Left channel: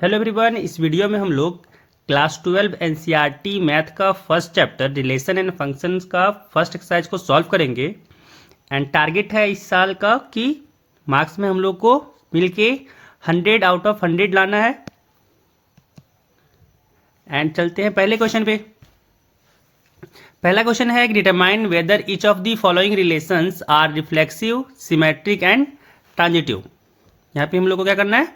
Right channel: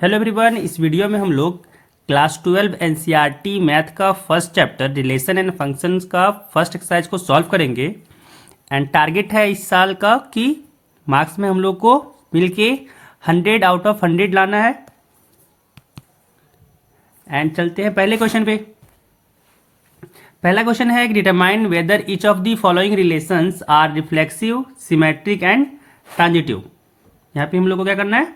Hello everyone, इस video में हम लोग क्लास 12 एनसीईआरटी मैथ का first chapter relation and functions का फर्स्ट एक्सरसाइज को सॉल्व करेंगे। एंड टारगेट है इस साल का कि मार्क्स में हम लोग को मिलके 100 आउट ऑफ 100 लाना है। एंड चलते हैं पहले क्वेश्चन पे। पहला क्वेश्चन है determine whether each of the following relations are reflexive, symmetric and transitive. यहाँ पे हम लोग को क्या करना है,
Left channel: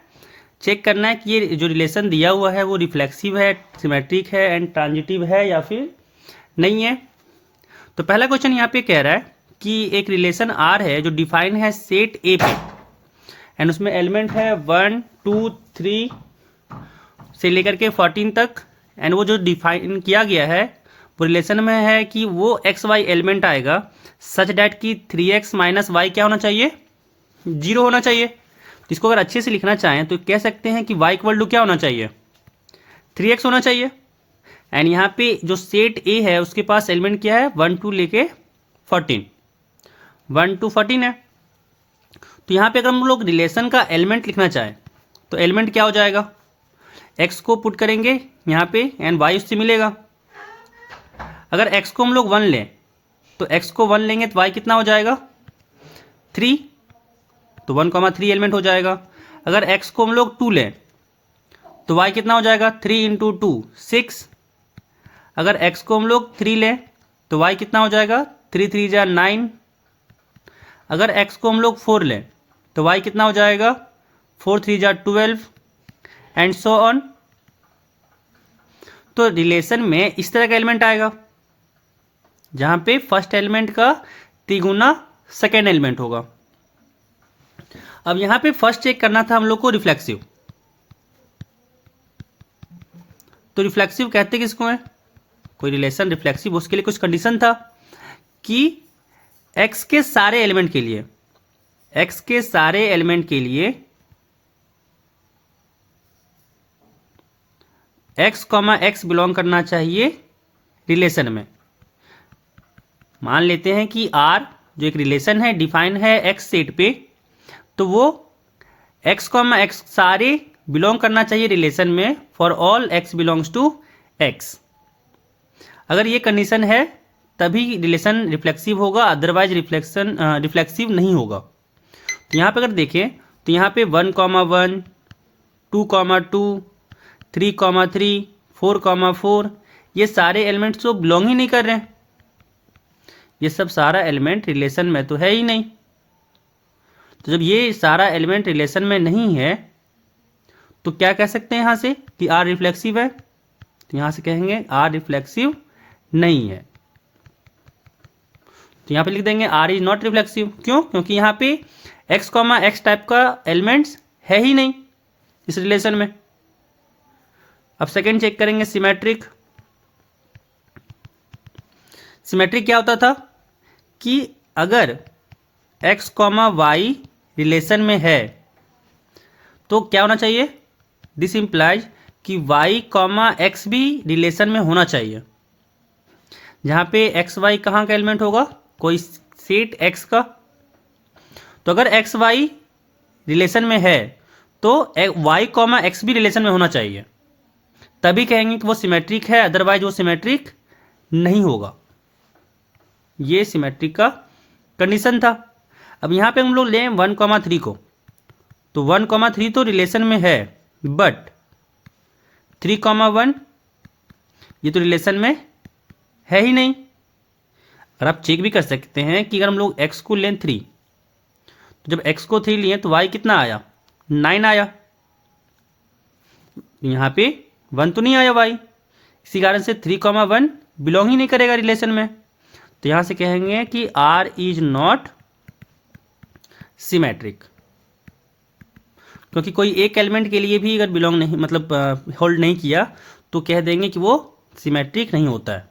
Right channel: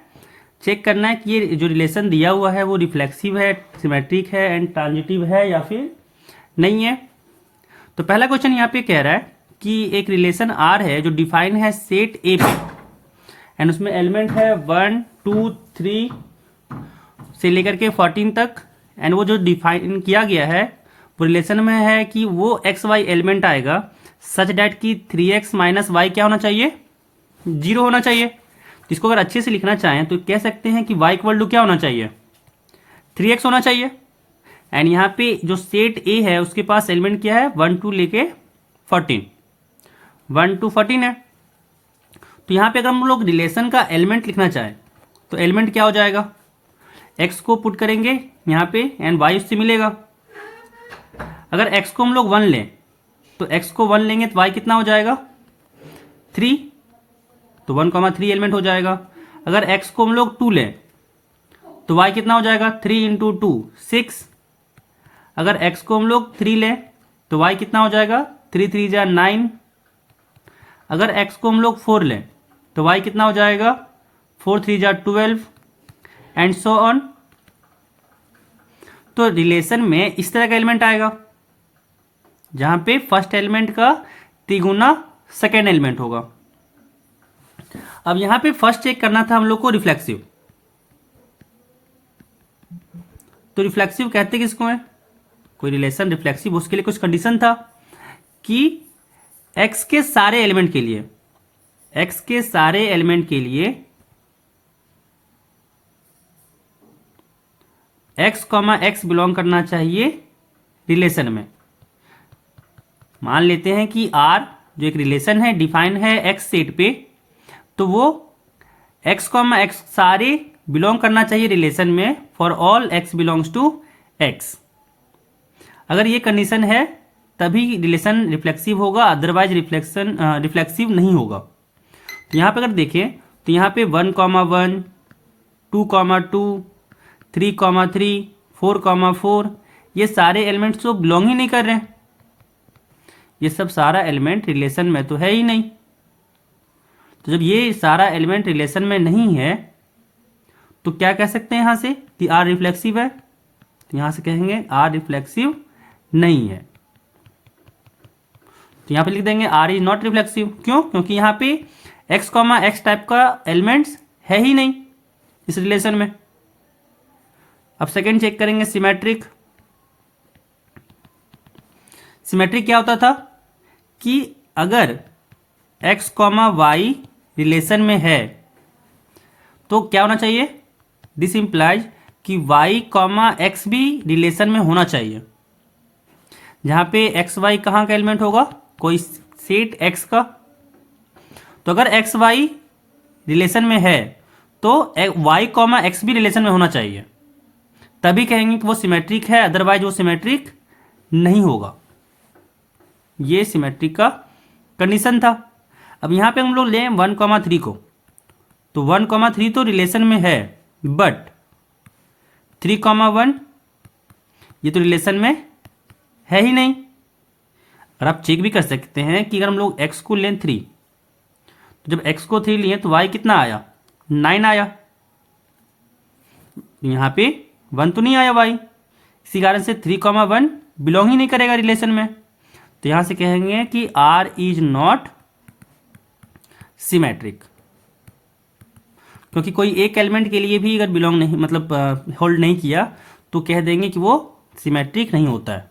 चेक करना है कि ये जो रिलेशन दिया हुआ है वो रिफ्लेक्सिव है, सिमेट्रिक है एंड ट्रांजिटिव है या फिर नहीं है। तो पहला क्वेश्चन यहाँ पे कह रहा है कि एक रिलेशन आर है जो डिफाइन है सेट ए पे, एंड उसमें एलिमेंट है 1 2 3 से लेकर के 14 तक। एंड वो जो डिफाइन किया गया है वो रिलेशन में है कि वो एक्स वाई एलिमेंट आएगा सच डैट कि 3x माइनस वाई क्या होना चाहिए, 0 होना चाहिए। इसको अगर अच्छे से लिखना चाहें तो कह सकते हैं कि y इक्वल टू क्या होना चाहिए, 3x होना चाहिए। एंड यहाँ पे जो सेट ए है उसके पास एलिमेंट क्या है, 1 2 लेके 14, 1 2 14 है। तो यहाँ पे अगर हम लोग रिलेशन का एलिमेंट लिखना चाहें तो एलिमेंट क्या हो जाएगा, x को पुट करेंगे यहाँ पे एंड y उससे मिलेगा। अगर x को हम लोग 1 लें तो x को 1 लेंगे तो y कितना हो जाएगा, 3, तो 1,3 एलिमेंट हो जाएगा। अगर x को हम लोग 2 लें तो y कितना हो जाएगा, 3 इंटू 2 6। अगर x को हम लोग 3 लें तो y कितना हो जाएगा, 3 3 जा 9। अगर x को हम लोग 4 लें तो y कितना हो जाएगा, 4 3 जा 12 एंड सो ऑन। तो रिलेशन में इस तरह का एलिमेंट आएगा जहां पे फर्स्ट एलिमेंट का तिगुना सेकेंड एलिमेंट होगा। अब यहां पे फर्स्ट चेक करना था हम लोग को रिफ्लेक्सिव। तो रिफ्लेक्सिव कहते किसको है, कोई रिलेशन रिफ्लेक्सिव, उसके लिए कुछ कंडीशन था कि x के सारे एलिमेंट के लिए, x के सारे एलिमेंट के लिए x, x बिलोंग करना चाहिए रिलेशन में। मान लेते हैं कि R जो एक रिलेशन है डिफाइन है x सेट पे, तो वो x, x सारे बिलोंग करना चाहिए रिलेशन में for all x belongs to x। अगर ये कंडीशन है तभी रिलेशन रिफ्लेक्सिव होगा, अदरवाइज रिफ्लेक्सिव नहीं होगा। तो यहाँ पे अगर देखें तो यहाँ पे 1, 1 2, 2 3, 3 4, 4 ये सारे एलिमेंट्स तो बिलोंग ही नहीं कर रहे हैं। ये सब सारा एलिमेंट रिलेशन में तो है ही नहीं। तो जब ये सारा एलिमेंट रिलेशन में नहीं है तो क्या कह सकते हैं यहां से कि आर रिफ्लेक्सिव है, तो यहां से कहेंगे आर रिफ्लेक्सिव नहीं है। तो यहां पे लिख देंगे आर इज नॉट रिफ्लेक्सिव। क्यों, क्योंकि यहां पे x, x टाइप का एलिमेंट्स है ही नहीं इस रिलेशन में। अब सेकेंड चेक करेंगे सिमेट्रिक। सिमेट्रिक क्या होता था कि अगर x, y रिलेशन में है तो क्या होना चाहिए, दिस इंप्लाइज कि y, x भी रिलेशन में होना चाहिए। जहां पे एक्स वाई कहाँ का एलिमेंट होगा, कोई सेट x का। तो अगर एक्स वाई रिलेशन में है तो y, x भी रिलेशन में होना चाहिए, तभी कहेंगे कि वो सिमेट्रिक है, अदरवाइज वो सिमेट्रिक नहीं होगा। ये सिमेट्रिक का कंडीशन था। अब यहां पे हम लोग लें 1, 3 को, तो 1, 3 तो रिलेशन में है, बट 3, 1 ये तो रिलेशन में है ही नहीं। और आप चेक भी कर सकते हैं कि अगर हम लोग x को लें 3, तो जब x को 3 लिए तो y कितना आया, 9 आया। यहां पे 1 तो नहीं आया y, इसी कारण से 3, 1 बिलोंग ही नहीं करेगा रिलेशन में। तो यहां से कहेंगे कि r इज नॉट सिमेट्रिक, क्योंकि कोई एक एलिमेंट के लिए भी अगर बिलोंग नहीं, मतलब होल्ड नहीं किया, तो कह देंगे कि वो सिमेट्रिक नहीं होता है।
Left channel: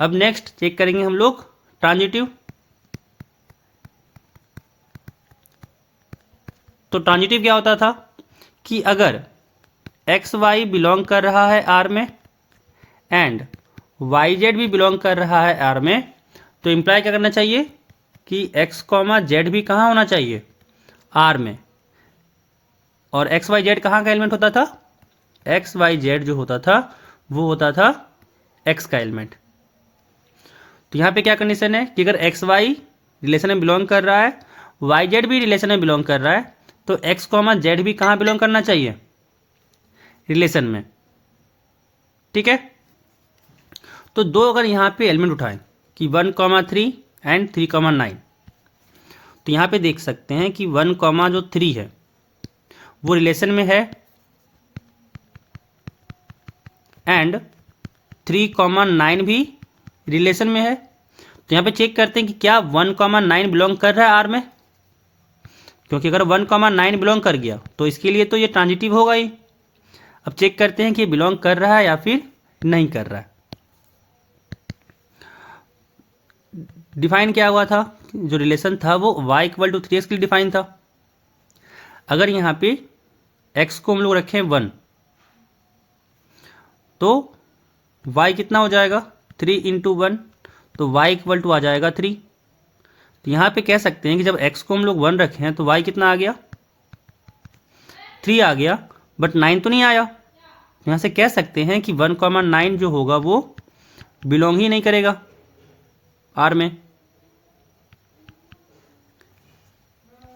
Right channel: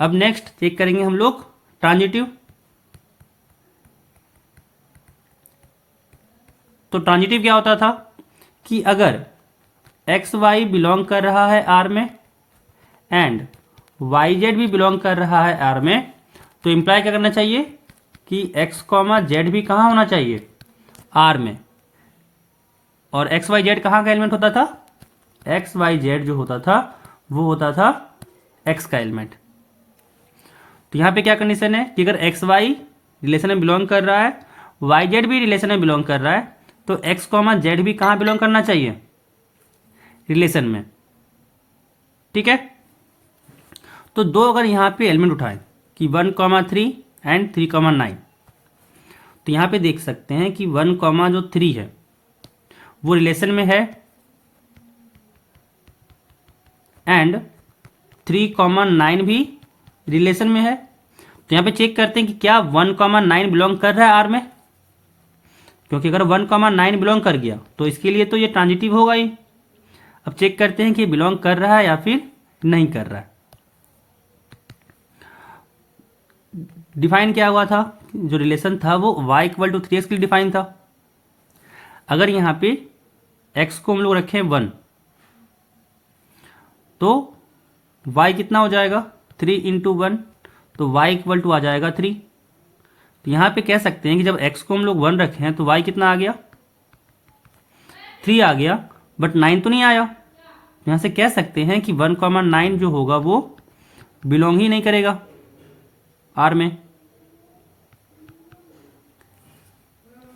अब नेक्स्ट चेक करेंगे हम लोग ट्रांजिटिव। तो ट्रांजिटिव क्या होता था कि अगर एक्स वाई बिलोंग कर रहा है आर में एंड वाई जेड भी बिलोंग कर रहा है आर में, तो इंप्लाई क्या करना चाहिए कि x, z भी कहाँ होना चाहिए, आर में। और एक्स वाई जेड कहाँ का एलिमेंट होता था, एक्स वाई जेड जो होता था वो होता था एक्स का एलिमेंट। तो यहाँ पे क्या कंडीशन है कि अगर एक्स वाई रिलेशन में बिलोंग कर रहा है, वाई जेड भी रिलेशन में बिलोंग कर रहा है, तो एक्स कॉमा जेड भी कहाँ बिलोंग करना चाहिए, रिलेशन में। ठीक है, तो दो अगर यहाँ पे एलिमेंट उठाएं कि 1,3 एंड 3,9, तो यहाँ पे देख सकते हैं कि 1,3 है वो रिलेशन में है एंड 3,9 भी रिलेशन में है। तो यहाँ पे चेक करते हैं कि क्या 1,9 बिलोंग कर रहा है आर में, क्योंकि अगर 1,9 बिलोंग कर गया तो इसके लिए तो ये ट्रांजिटिव होगा ही। अब चेक करते हैं कि ये बिलोंग कर रहा है या फिर नहीं कर रहा है। डिफाइन क्या हुआ था, जो रिलेशन था वो y = 3x के लिए डिफाइन था। अगर यहाँ पे x को हम लोग रखें 1, तो y कितना हो जाएगा, 3 × 1, तो y = आ जाएगा 3। तो यहाँ पे कह सकते हैं कि जब x को हम लोग 1 रखे हैं तो y कितना आ गया, 3 आ गया, बट 9 तो नहीं आया। यहाँ से कह सकते हैं कि 1,9 जो होगा वो बिलोंग ही नहीं करेगा आर में।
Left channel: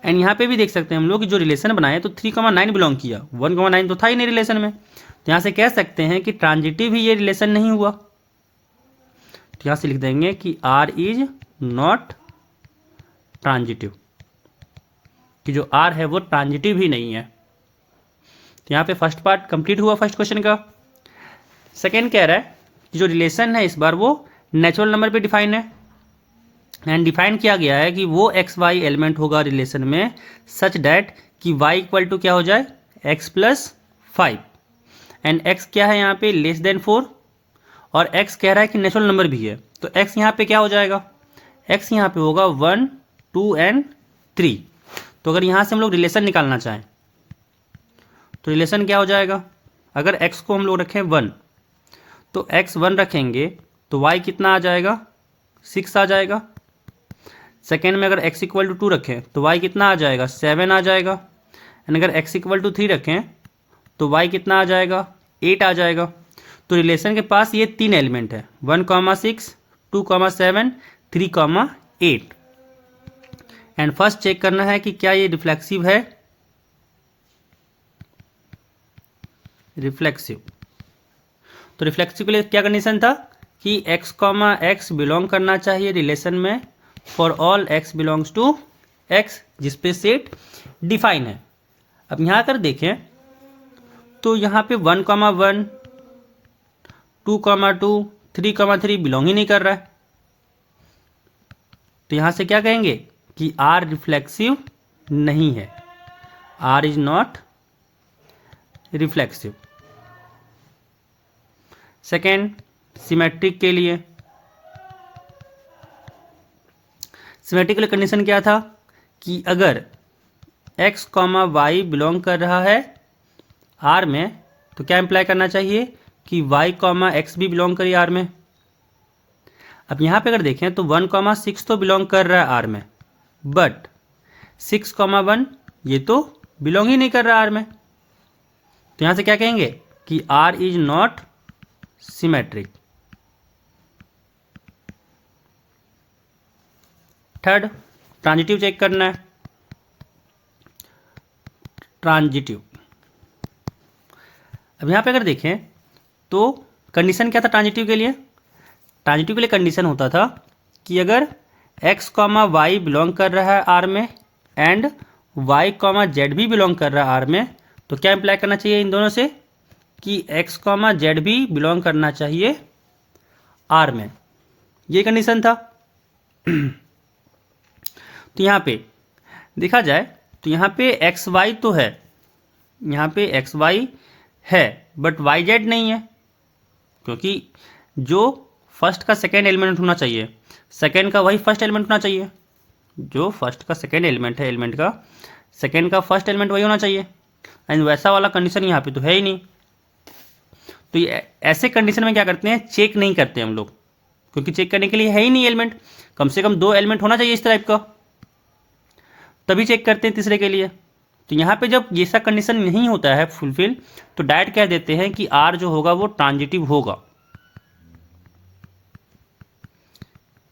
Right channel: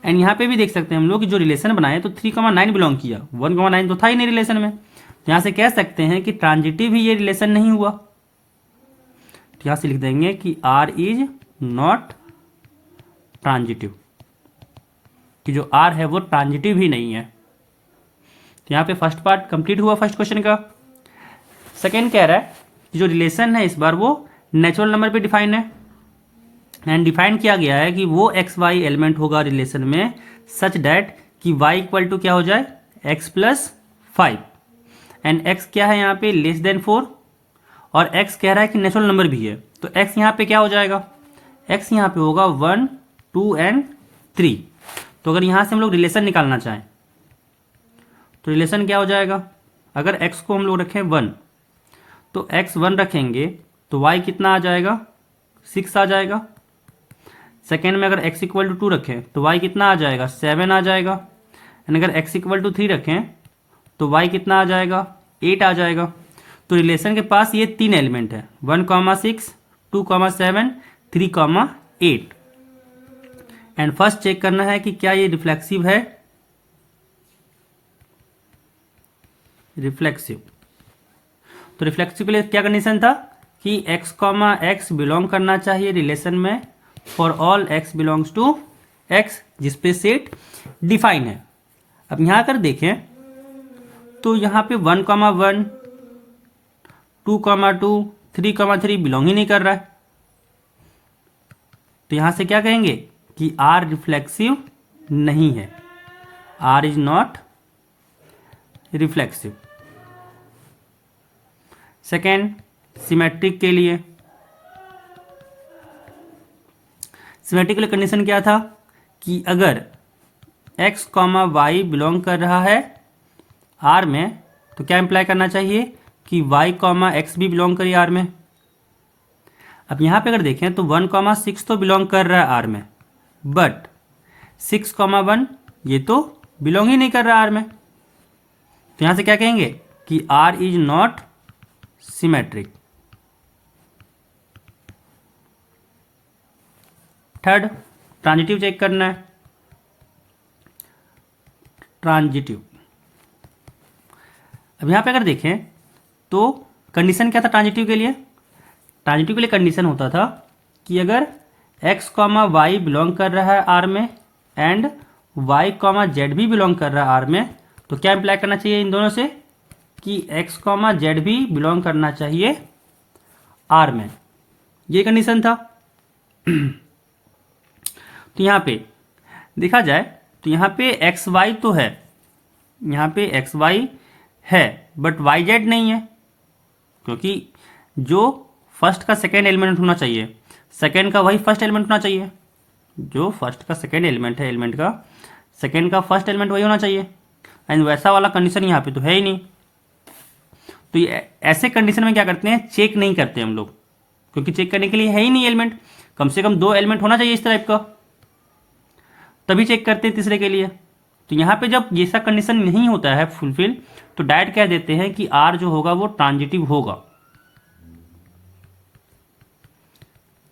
एंड यहाँ पे भी देख सकते हैं हम लोग कि जो रिलेशन बनाए तो 3,9 बिलोंग किया, 1,9 तो था ही नहीं रिलेशन में। तो यहाँ से कह सकते हैं कि ट्रांजिटिव ही ये रिलेशन नहीं हुआ। तो यहाँ से लिख देंगे कि आर इज नॉट ट्रांजिटिव, कि जो आर है वो ट्रांजिटिव ही नहीं है। तो यहाँ पे फर्स्ट पार्ट कंप्लीट हुआ फर्स्ट क्वेश्चन का। सेकेंड कह रहा है कि जो रिलेशन है इस बार वो नेचुरल नंबर पे डिफाइन है, एंड डिफाइन किया गया है कि वो एक्स वाई एलिमेंट होगा रिलेशन में सच डैट कि y = क्या हो जाए, x + 5, एंड x क्या है यहाँ पे <4, और x कह रहा है कि नेचुरल नंबर भी है। तो x यहाँ पे क्या हो जाएगा, x यहाँ पे होगा 1, 2 एंड 3। तो अगर यहाँ से हम लोग रिलेशन निकालना चाहें तो रिलेशन क्या हो जाएगा, अगर x को हम लोग रखें 1, तो x 1 रखेंगे तो y कितना आ जाएगा, 6 आ जाएगा। सेकेंड में अगर x = 2 रखें तो y कितना आ जाएगा, 7 आ जाएगा। एंड अगर x = 3 रखें तो y कितना आ जाएगा, 8 आ जाएगा। तो रिलेशन के पास ये 3 एलिमेंट है, 1,6, 2,7, 3,8। एंड फर्स्ट चेक करना है कि क्या ये रिफ्लेक्सिव है, रिफ्लेक्सिव। तो रिफ्लेक्सिव के लिए क्या कंडीशन था कि x, बिलोंग करना चाहिए रिलेशन में for all x belongs to x, जिसपे सेट डिफाइन है। अब यहां अगर देखें तो यहां पे 1,1, 2,2, 3,3 बिलोंग ही नहीं कर रहा है। तो यहां से क्या कहेंगे कि R रिफ्लेक्सिव नहीं है, R is not reflexive. Second, symmetric के लिए, सिमेट्रिक के लिए कंडीशन क्या था कि अगर x, y बिलोंग कर रहा है R में तो क्या इंप्लाई करना चाहिए कि y, x भी बिलोंग करिए R में। अब यहां पे अगर देखें तो 1,6 तो बिलोंग कर रहा है R में, बट 6,1 ये तो बिलोंग ही नहीं कर रहा R में। तो यहां से क्या कहेंगे कि R is not symmetric. Third, transitive check करना है, ट्रांजिटिव। अब यहां पे अगर देखें तो कंडीशन क्या था ट्रांजिटिव के लिए, ट्रांजिटिव के लिए कंडीशन होता था कि अगर x, y बिलोंग कर रहा है R में एंड y, z भी बिलोंग कर रहा है R में, तो क्या इंप्लाई करना चाहिए इन दोनों से कि x, z भी बिलोंग करना चाहिए R में। ये कंडीशन था। तो यहाँ पे देखा जाए तो यहाँ पे एक्स वाई तो है, यहाँ पे एक्स वाई है बट वाई जेड नहीं है, क्योंकि जो फर्स्ट का सेकेंड एलिमेंट होना चाहिए सेकेंड का वही फर्स्ट एलिमेंट होना चाहिए, जो फर्स्ट का सेकेंड एलिमेंट है एलिमेंट का सेकेंड का फर्स्ट एलिमेंट वही होना चाहिए, एंड वैसा वाला कंडीशन यहाँ पे तो है ही नहीं। तो ये ऐसे कंडीशन में क्या करते हैं, चेक नहीं करते हम लोग, क्योंकि चेक करने के लिए है ही नहीं एलिमेंट, कम से कम 2 एलिमेंट होना चाहिए इस टाइप का, तभी चेक करते हैं तीसरे के लिए। तो यहाँ पे जब ये सा कंडीशन नहीं होता है फुलफिल, तो डायरेक्ट कह देते हैं कि आर जो होगा वो ट्रांजिटिव होगा।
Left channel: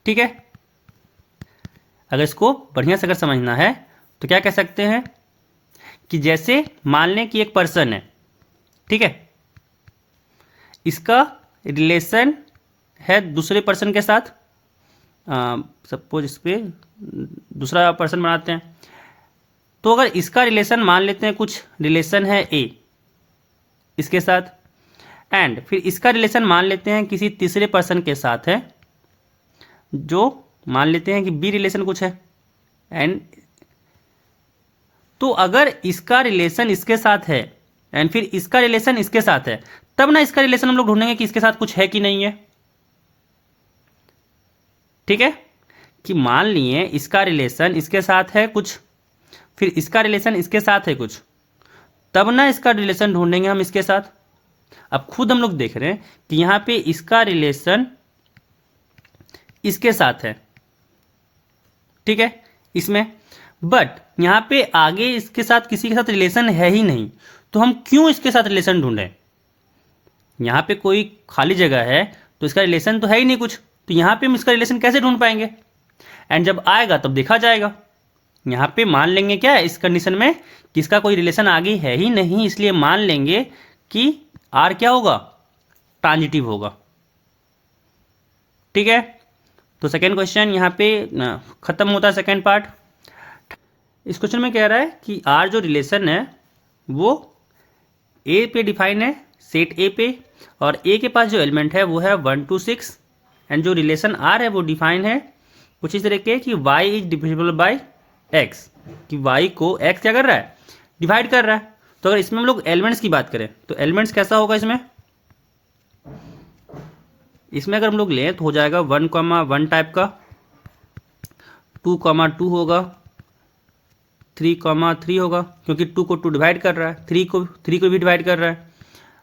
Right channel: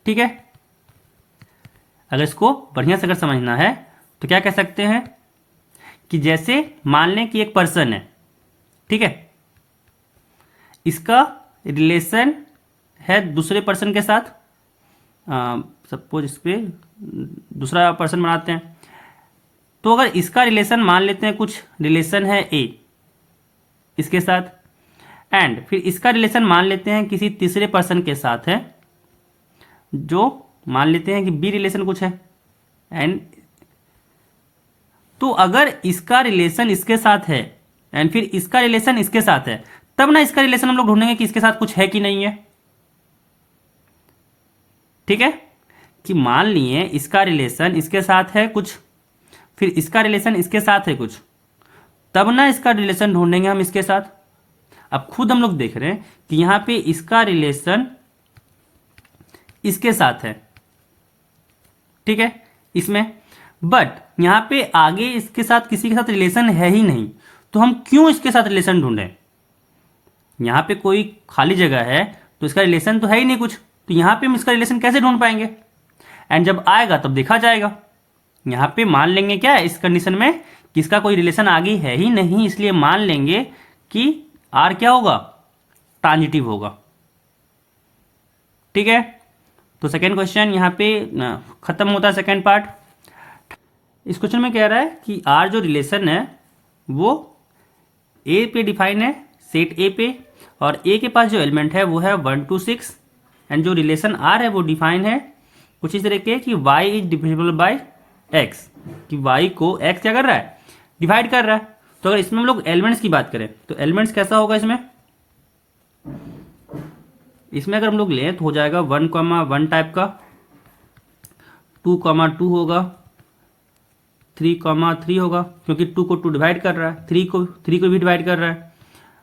ठीक है, अगर इसको बढ़िया से अगर समझना है तो क्या कह सकते हैं कि जैसे मान लें कि एक पर्सन है, ठीक है, इसका रिलेशन है दूसरे पर्सन के साथ, सपोज इस पे दूसरा पर्सन बनाते हैं, तो अगर इसका रिलेशन मान लेते हैं कुछ रिलेशन है ए इसके साथ, एंड फिर इसका रिलेशन मान लेते हैं किसी तीसरे पर्सन के साथ है, जो मान लेते हैं कि बी रिलेशन कुछ है, एंड तो अगर इसका रिलेशन इसके साथ है एंड फिर इसका रिलेशन इसके साथ है, तब ना इसका रिलेशन हम लोग ढूंढेंगे कि इसके साथ कुछ है कि नहीं है। ठीक है, कि मान लिए इसका रिलेशन इसके साथ है कुछ, फिर इसका रिलेशन इसके साथ है कुछ, तब ना इसका रिलेशन ढूंढेंगे हम इसके साथ। अब खुद हम लोग देख रहे हैं कि यहां पे इसका रिलेशन इसके साथ है, ठीक है, इसमें, बट यहां पे आगे इसके साथ किसी के साथ रिलेशन है ही नहीं, तो हम क्यों इसके साथ रिलेशन ढूंढें? यहां पे कोई खाली जगह है तो इसका रिलेशन तो है ही नहीं कुछ, तो यहां पे हम इसका रिलेशन कैसे ढूंढ पाएंगे? एंड जब आएगा तब देखा जाएगा। यहां पे मान लेंगे क्या है इस कंडीशन में कि इसका कोई रिलेशन आगे है ही नहीं, इसलिए मान लेंगे कि आर क्या होगा, ट्रांजिटिव होगा। ठीक है, तो सेकेंड क्वेश्चन यहाँ पे खत्म होता है सेकेंड पार्ट। इस क्वेश्चन में कह रहा है कि आर जो रिलेशन है वो ए पे डिफाइन है, सेट ए पे, और ए के पास जो एलिमेंट है वो है 1 to 6, एंड जो रिलेशन आर है वो डिफाइन है कुछ इस तरह के कि y is divisible by x, कि y को x क्या कर रहा है, डिवाइड कर रहा है। तो अगर इसमें हम लोग एलिमेंट्स की बात करें तो एलिमेंट्स कैसा होगा इसमें अगर हम लोग लें तो हो जाएगा 1,1 टाइप का, 2,2 होगा, 3,3 होगा, क्योंकि 2 को 2 डिवाइड कर रहा है, 3 को भी डिवाइड कर रहा है,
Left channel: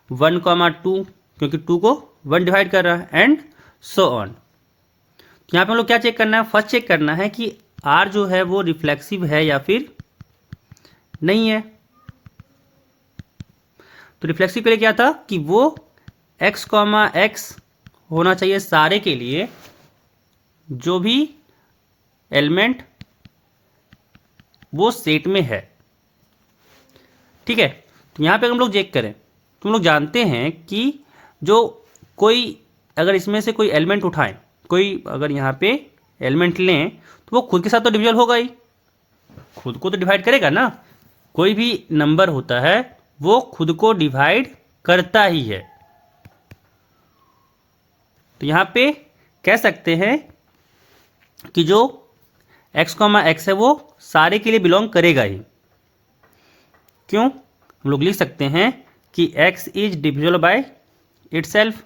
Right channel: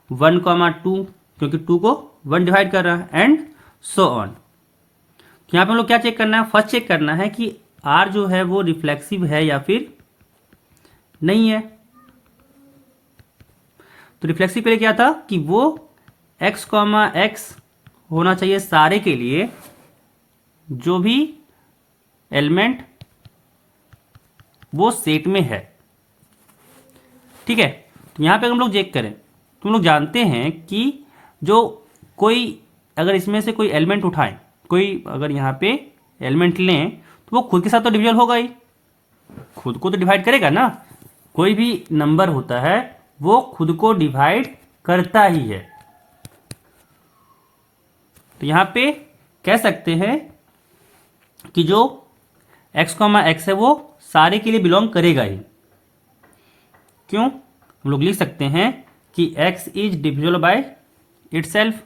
1,2 क्योंकि 2 को 1 डिवाइड कर रहा है, एंड सो ऑन। तो यहाँ पे हम लोग क्या चेक करना है, फर्स्ट चेक करना है कि R जो है वो रिफ्लेक्सिव है या फिर नहीं है। तो रिफ्लेक्सिव के लिए क्या था कि वो x, x होना चाहिए सारे के लिए जो भी एलिमेंट वो सेट में है। ठीक है, तो यहां पे हम लोग चेक करें तो हम लोग जानते हैं कि जो कोई अगर इसमें से कोई एलिमेंट उठाएं, कोई अगर यहां पे एलिमेंट लें तो वो खुद के साथ तो डिविजल होगा ही, खुद को तो डिवाइड करेगा ना। कोई भी नंबर होता है वो खुद को डिवाइड करता ही है। तो यहां पे कह सकते हैं कि जो x, x है वो सारे के लिए बिलोंग करेगा ही। क्यों? हम लोग लिख सकते हैं कि x is divisible by itself,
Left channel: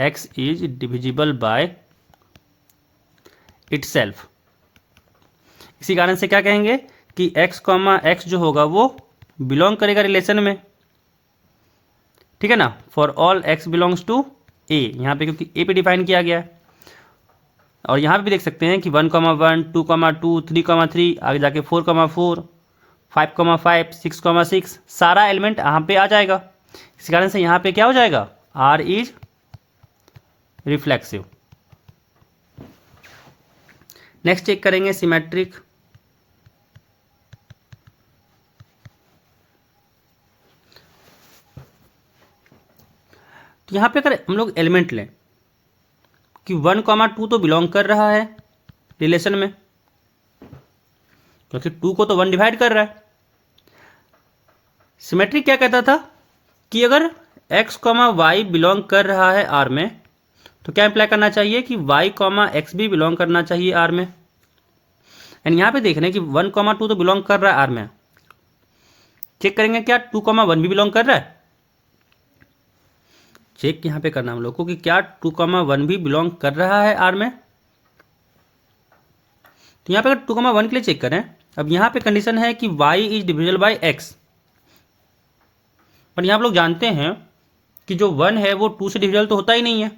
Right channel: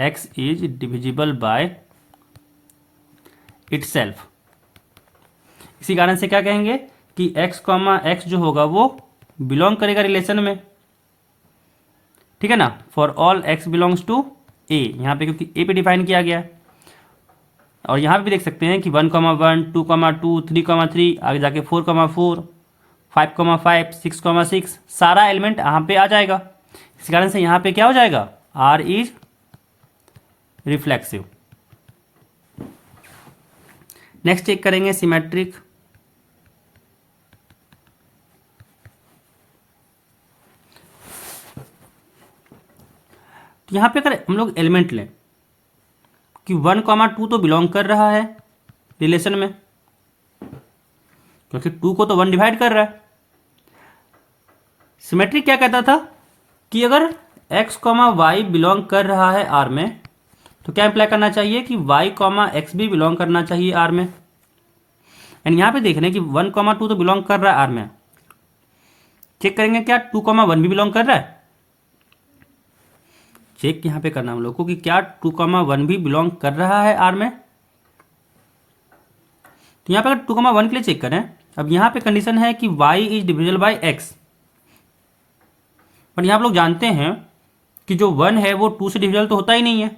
x is divisible by itself. इसी कारण से क्या कहेंगे कि x, x जो होगा वो बिलोंग करेगा रिलेशन में। ठीक है ना, for all x belongs to a, यहां पे क्योंकि a पे डिफाइन किया गया है। और यहां पे भी देख सकते हैं कि 1,1, 2,2, 3,3, आगे जाके 4,4, 5,5, 6,6, सारा एलिमेंट यहां पे आ जाएगा। इस कारण से यहां पे क्या हो जाएगा, R is reflexive. Next check करेंगे सिमेट्रिक। तो यहां पे अगर हम लोग एलिमेंट लें कि 1,2 तो बिलोंग कर रहा है रिलेशन में, क्योंकि 2 को तो 1 डिवाइड कर रहा है। सिमेट्रिक क्या कहता था कि अगर x, y बिलोंग कर रहा है R में, तो क्या इंप्लाई करना चाहिए कि y, x भी बिलोंग करना चाहिए R में। एंड यहां पे देख रहे हैं कि 1,2 तो बिलोंग कर रहा है R में, चेक करेंगे क्या 2,1 भी बिलोंग कर रहा है। चेक यहां पे करना हम लोग को कि क्या 2,1 भी बिलोंग कर रहा है R में। तो यहां पे अगर 2,1 के लिए चेक करें, अब यहां पे कंडीशन है कि y is divisible by x, पर यहां आप लोग जानते हैं कि जो 1 है वो 2 से डिविजिबल तो होता ही नहीं है।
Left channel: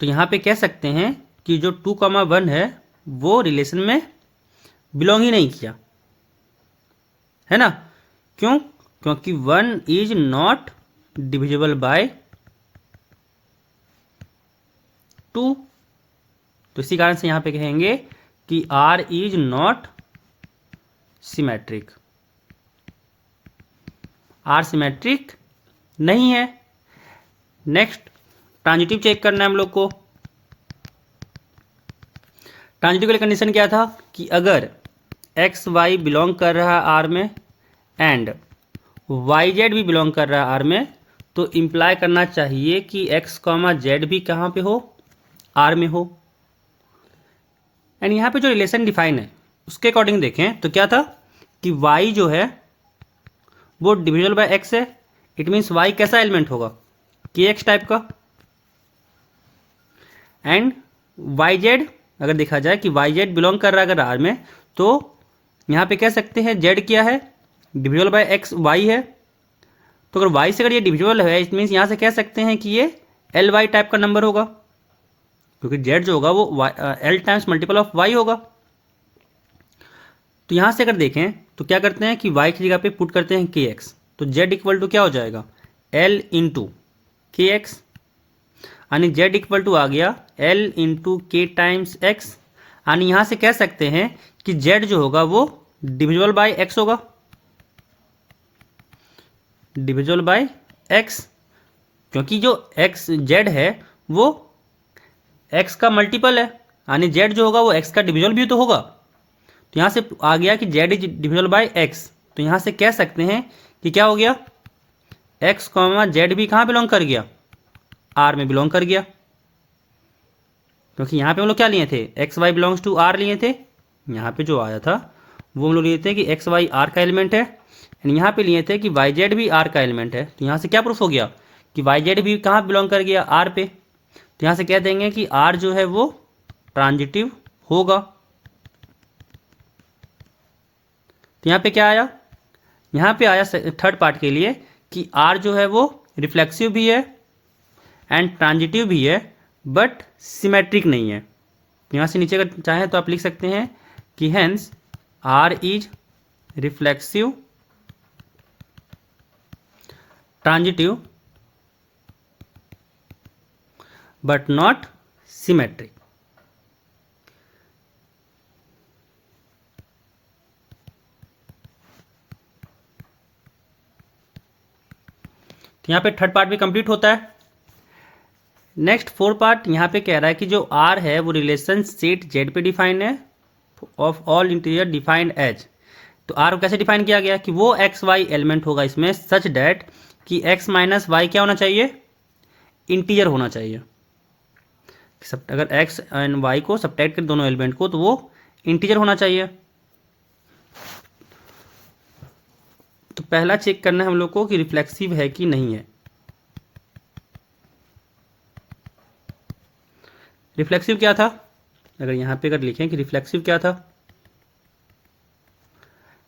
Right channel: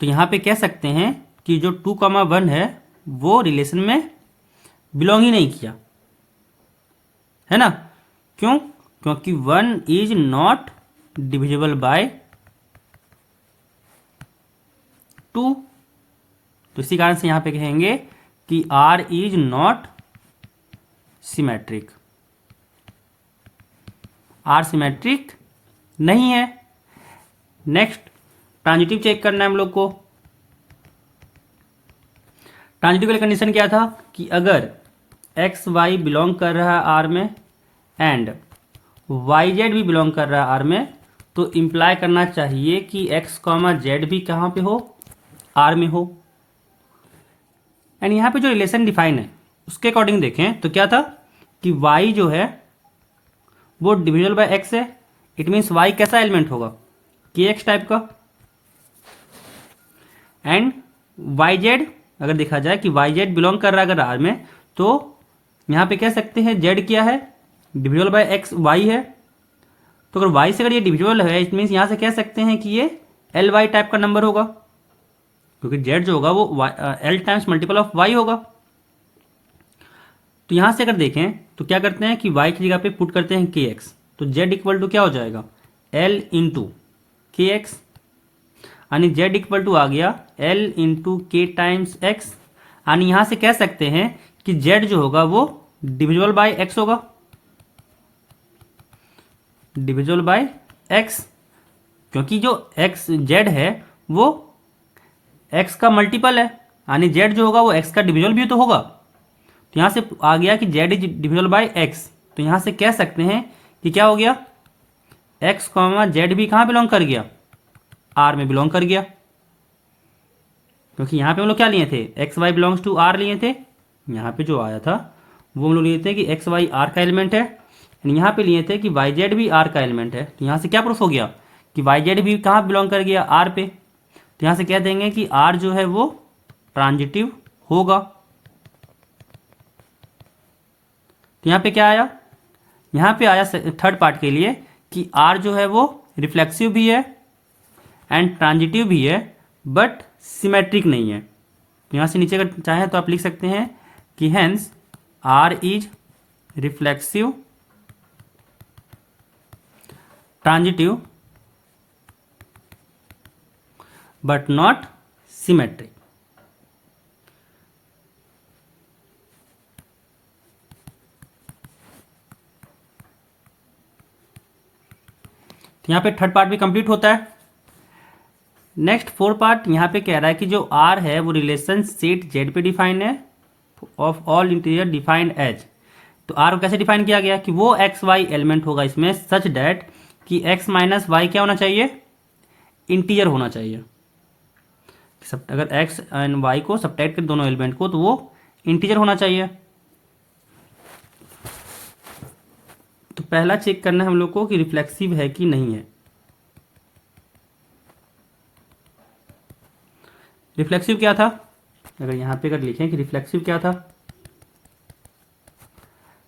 तो यहां पे कह सकते हैं कि जो 2,1 है वो रिलेशन में बिलोंग ही नहीं किया, है ना। क्यों? क्योंकि 1 इज नॉट डिविजिबल बाय 2। तो इसी कारण से यहां पे कहेंगे कि R is not symmetric, R symmetric नहीं है। नेक्स्ट ट्रांजिटिव चेक करना है हम लोग को। ट्रांजिटिव के लिए कंडीशन क्या था कि अगर एक्स वाई बिलोंग कर रहा है आर में एंड वाई जेड भी बिलोंग कर रहा है आर में, तो इंप्लाई करना चाहिए कि एक्स कॉमा जेड भी कहाँ पे हो, आर में हो। एंड यहाँ पे जो रिलेशन डिफाइन है उसके अकॉर्डिंग देखें तो क्या था कि वाई जो है वो डिविजिबल बाय एक्स है। इट मीन्स वाई कैसा एलिमेंट होगा, के एक्स टाइप का। एंड वाई जेड अगर देखा जाए कि वाई जेड बिलोंग कर रहा है अगर आर में, तो यहां पे कह सकते हैं जेड क्या है, डिविजिबल बाय एक्स वाई है। तो अगर वाई से अगर ये डिविजिबल है, इट मीन्स यहां से कह सकते हैं कि ये एल वाई टाइप का नंबर होगा, क्योंकि जेड जो होगा वो L times multiple of Y होगा। तो यहां से अगर देखें तो क्या करते हैं कि वाई की जगह पे पुट करते हैं के एक्स, तो जेड इक्वल टू क्या हो जाएगा, एल इंटू के एक्स, यानी जेड इक्वल टू आ गया एल इंटू के टाइम्स एक्स। यानी यहां से कह सकते हैं कि जेड जो होगा वो डिविजिबल बाय एक्स होगा, डिविजिबल बाय एक्स, क्योंकि जो एक्स जेड है वो एक्स का मल्टीपल है, यानी जेड जो होगा वो एक्स का डिविजिबल भी तो होगा। तो यहां से आ गया कि Z is divisible by x, तो यहां से कह सकते हैं कि क्या हो गया, एक्स कॉमा जेड भी कहां बिलोंग कर गया, आर में बिलोंग कर गया। क्योंकि यहां पे हम लोग क्या लिए थे, x y belongs to R लिए थे। यहां पे जो आया था वो हम लोग लिए थे कि एक्स वाई आर का एलिमेंट है, एंड यहां पे लिए थे कि वाई जेड भी आर का एलिमेंट है। तो यहां से क्या प्रूफ हो गया कि वाई जेड भी कहां बिलोंग कर गया, आर पे। तो यहां से कह देंगे कि आर जो है वो ट्रांजिटिव होगा। तो यहां पे क्या आया, यहां पे आया थर्ड पार्ट के लिए कि आर जो है वो रिफ्लेक्सिव भी है एंड ट्रांजिटिव भी है, बट सिमेट्रिक नहीं है। तो यहां से नीचे अगर चाहे तो आप लिख सकते हैं कि hence R is reflexive, transitive, but not symmetric. तो यहां पे थर्ड पार्ट भी कंप्लीट होता है। नेक्स्ट फोर्थ पार्ट यहां पे कह रहा है कि जो आर है वो रिलेशन सेट जेड पे डिफाइन है of all interior defined as. तो आर को कैसे डिफाइन किया गया कि वो एक्स वाई एलिमेंट होगा इसमें सच डैट कि एक्स माइनस वाई क्या होना चाहिए, इंटीजर होना चाहिए। अगर एक्स एंड वाई को सब्ट्रैक्ट कर दोनों एलिमेंट को तो वो इंटीजर होना चाहिए। तो पहला चेक करना है हम लोग को कि रिफ्लेक्सिव है कि नहीं है। रिफ्लेक्सिव क्या था, अगर यहां पे अगर लिखें कि रिफ्लेक्सिव क्या था,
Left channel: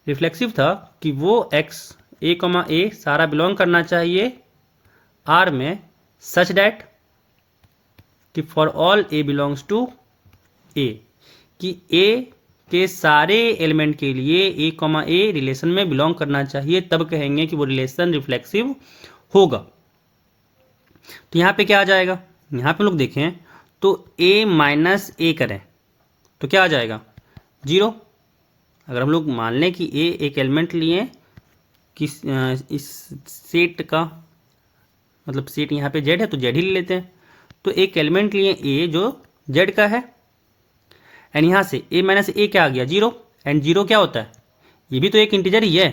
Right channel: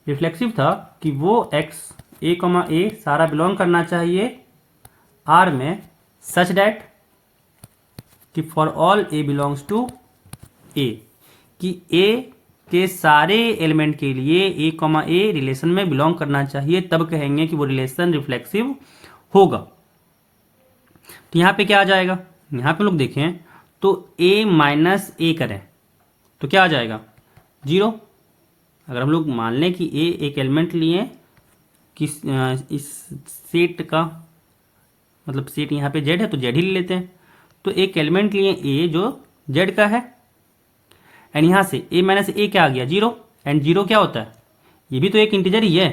रिफ्लेक्सिव था कि वो एक्स ए कॉमा ए सारा बिलोंग करना चाहिए आर में सच डैट कि for all a belongs to a, कि ए के सारे एलिमेंट के लिए ए कॉमा ए रिलेशन में बिलोंग करना चाहिए, तब कहेंगे कि वो रिलेशन रिफ्लेक्सिव होगा। तो यहां पे क्या आ जाएगा, यहां पे लोग देखें तो ए माइनस ए करें तो क्या आ जाएगा, 0। अगर हम लोग मान लें कि ए एक एलिमेंट लिए किस इस सेट का, मतलब सेट यहाँ पे जेड है तो जेड ही ले लेते हैं, तो एक एलिमेंट लिए ए जो जेड का है, एंड यहाँ से ए माइनस ए क्या आ गया, 0। एंड 0 क्या होता है, ये भी तो एक इंटीजर ही है।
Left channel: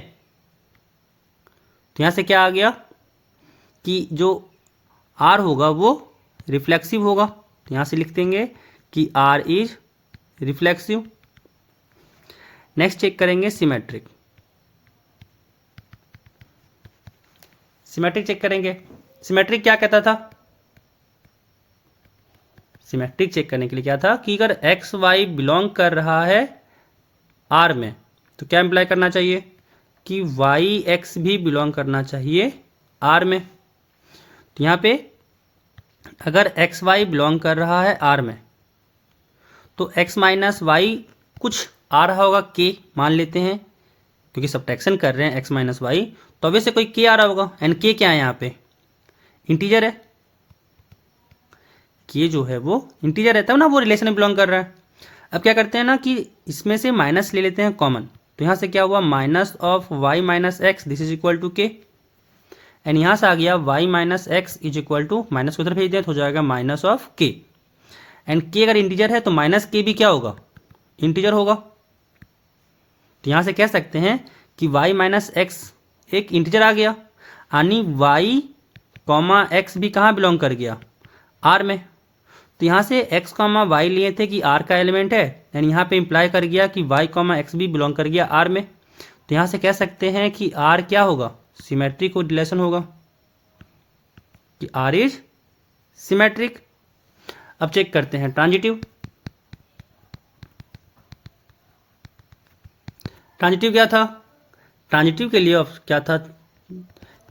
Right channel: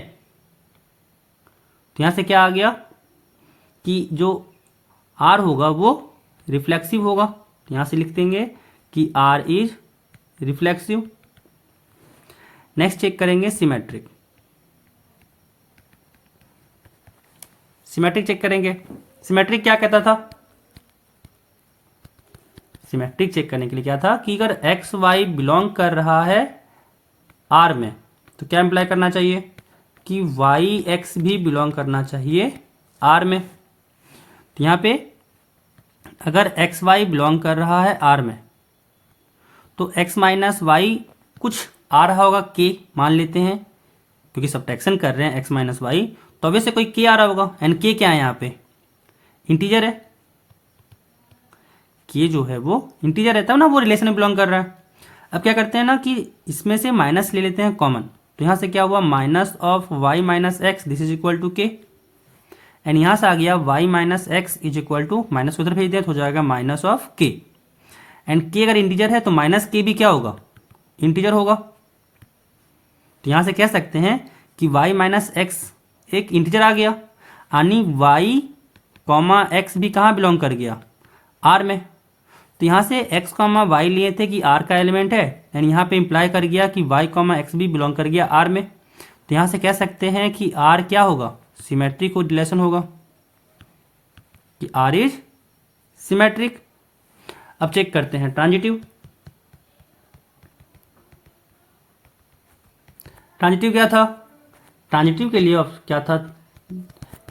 तो यहाँ से क्या आ गया कि जो आर होगा वो रिफ्लेक्सिव होगा। तो यहाँ से लिख देंगे कि R is reflexive. Next check करेंगे सिमेट्रिक। सिमेट्रिक चेक करेंगे। सिमेट्रिक क्या कहता था, सिमेट्रिक चेक करने के लिए क्या था कि अगर एक्स वाई बिलोंग कर रहा है आर में तो क्या इंप्लाई करना चाहिए कि वाई एक्स भी बिलोंग करना चाहिए आर में। तो यहां पे अगर एक्स वाई बिलोंग कर रहा है आर में तो एक्स माइनस वाई कुछ आ रहा होगा के, मान लेते हैं क्योंकि सब्ट्रैक्शन कर रहे हैं एक्स माइनस वाई, तो अब से कोई के आ रहा होगा। एंड के क्या है यहाँ पे, इंटीजर है। के जो है वो इंटीजर रहता है ना, वो रिलेशन में बिलोंग कर रहा है। अब क्या करते हैं ना कि इसमें से माइनस ले लेते हैं कॉमन, तो यहाँ से क्या हुआ, minus of y minus x this is equal to k. And यहाँ से आ गया y minus x is equal to, minus को उधर भेज दिया तो हो जाएगा माइनस ऑफ के। एंड के अगर इंटीजर है तो माइनस के भी क्या होगा, इंटीजर होगा। तो यहाँ से कह सकते हैं कि y माइनस एक्स एक इंटीजर आ गया, यानी y कॉमा एक्स भी कहाँ बिलोंग कर गया, r में। तो यहाँ से x कॉमा वाई लिए थे कि r का एलिमेंट है, यानी यहाँ पे इंप्लाई कर गया कि y कॉमा एक्स भी बिलोंग कर गया r में। तो यहाँ से कह सकते हैं कि r क्या होगा, सिमेट्रिक रिलेशन होगा, कि r इज सिमेट्रिक। अब चेक करते हैं ट्रांजिटिव। ट्रांजिटिव क्या था, ट्रांजिटिव के लिए क्या था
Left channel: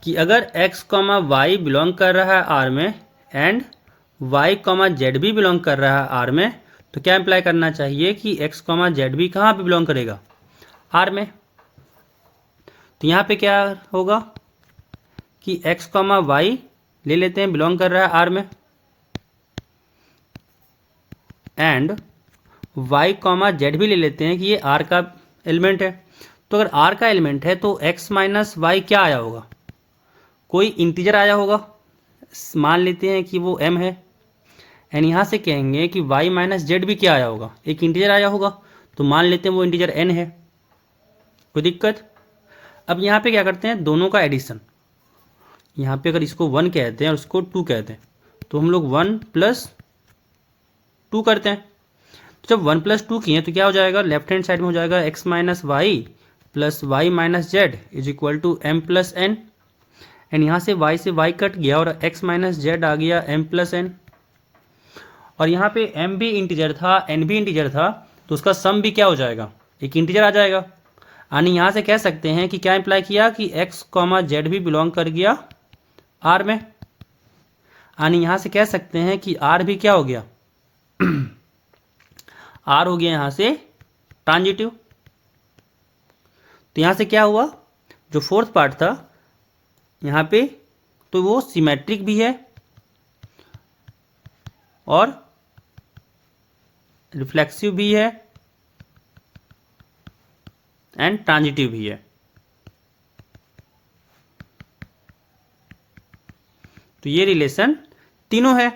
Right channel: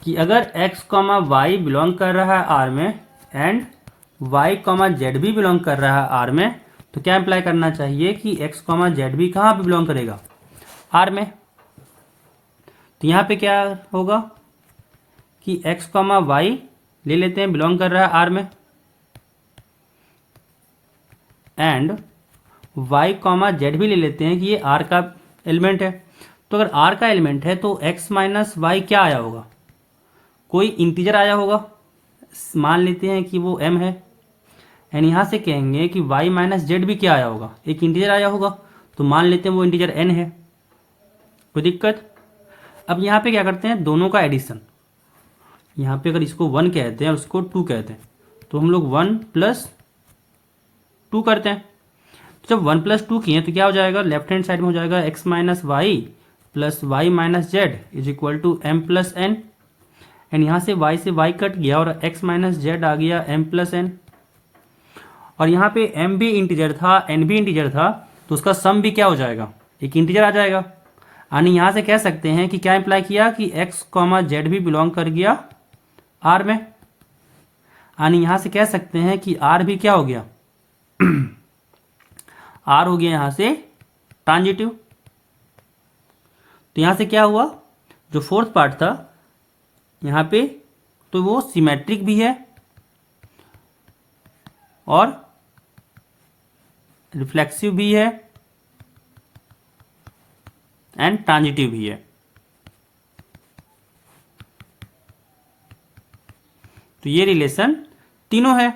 कि अगर x कॉमा वाई बिलोंग कर रहा है r में एंड y कॉमा जेड भी बिलोंग कर रहा है r में, तो क्या इंप्लाई करना चाहिए कि x कॉमा जेड भी कहाँ पे बिलोंग करेगा, r में। तो यहाँ पे क्या होगा कि x कॉमा वाई ले लेते हैं बिलोंग कर रहा है r में, एंड y कॉमा जेड भी ले लेते हैं कि ये r का एलिमेंट है। तो अगर r का एलिमेंट है तो x माइनस वाई क्या आया होगा, कोई इंटीजर आया होगा, मान लेते हैं कि वो m है। एंड यहाँ से कहेंगे कि y माइनस जेड भी क्या आया होगा, एक इंटीजर आया होगा, तो मान लेते हैं वो इंटीजर n है, कोई दिक्कत। अब यहाँ पे क्या करते हैं, दोनों का एडिशन। यहाँ पे अगर इसको 1 कहते हैं और उसको 2 कहते हैं, तो हम लोग 1 प्लस 2 करते हैं। तो जब 1 प्लस 2 किए तो क्या हो जाएगा, लेफ्ट हैंड साइड में हो जाएगा x minus y plus y minus z is equal to m plus n. And यहाँ से y कट गया और x माइनस जेड आ गया m प्लस एन। और यहाँ पे m भी इंटीजर था, n भी इंटीजर था, तो उसका सम भी क्या हो जाएगा, एक इंटीजर आ जाएगा। यानी यहाँ से कह सकते हैं कि क्या इंप्लाई किया कि x कॉमा जेड भी बिलोंग कर गया r में। यानी यहाँ से कह सकते हैं कि r भी क्या हो गया r हो गया यहाँ से ट्रांजिटिव। तो यहाँ से क्या हुआ, जो फोर्थ पार्ट था यहाँ पे, तो वो सिमेट्रिक भी है और रिफ्लेक्सिव भी है एंड ट्रांजिटिव भी है। तो ये रिलेशन तीनों है।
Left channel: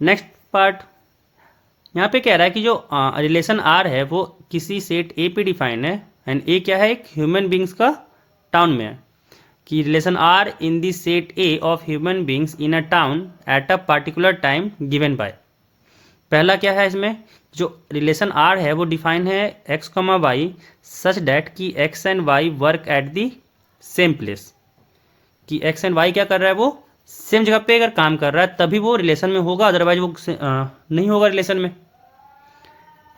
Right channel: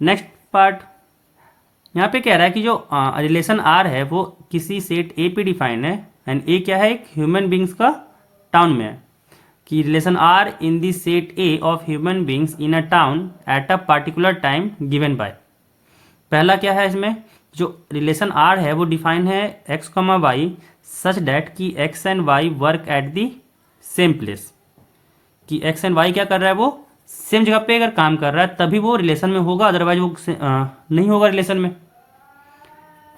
नेक्स्ट पार्ट यहाँ पे कह रहा है कि जो रिलेशन आर है वो किसी सेट ए पे डिफाइंड है, एंड ए क्या है, एक ह्यूमन बींग्स का टाउन में है, कि relation R in the set A of human beings in a town at a particular time given by. पहला क्या है इसमें, जो रिलेशन आर है वो डिफाइन है x comma y such that कि x and y work at the same place, कि एक्स एंड वाई क्या कर रहा है, वो सेम जगह पे अगर काम कर रहा है तभी वो रिलेशन में होगा, अदरवाइज वो नहीं होगा रिलेशन में।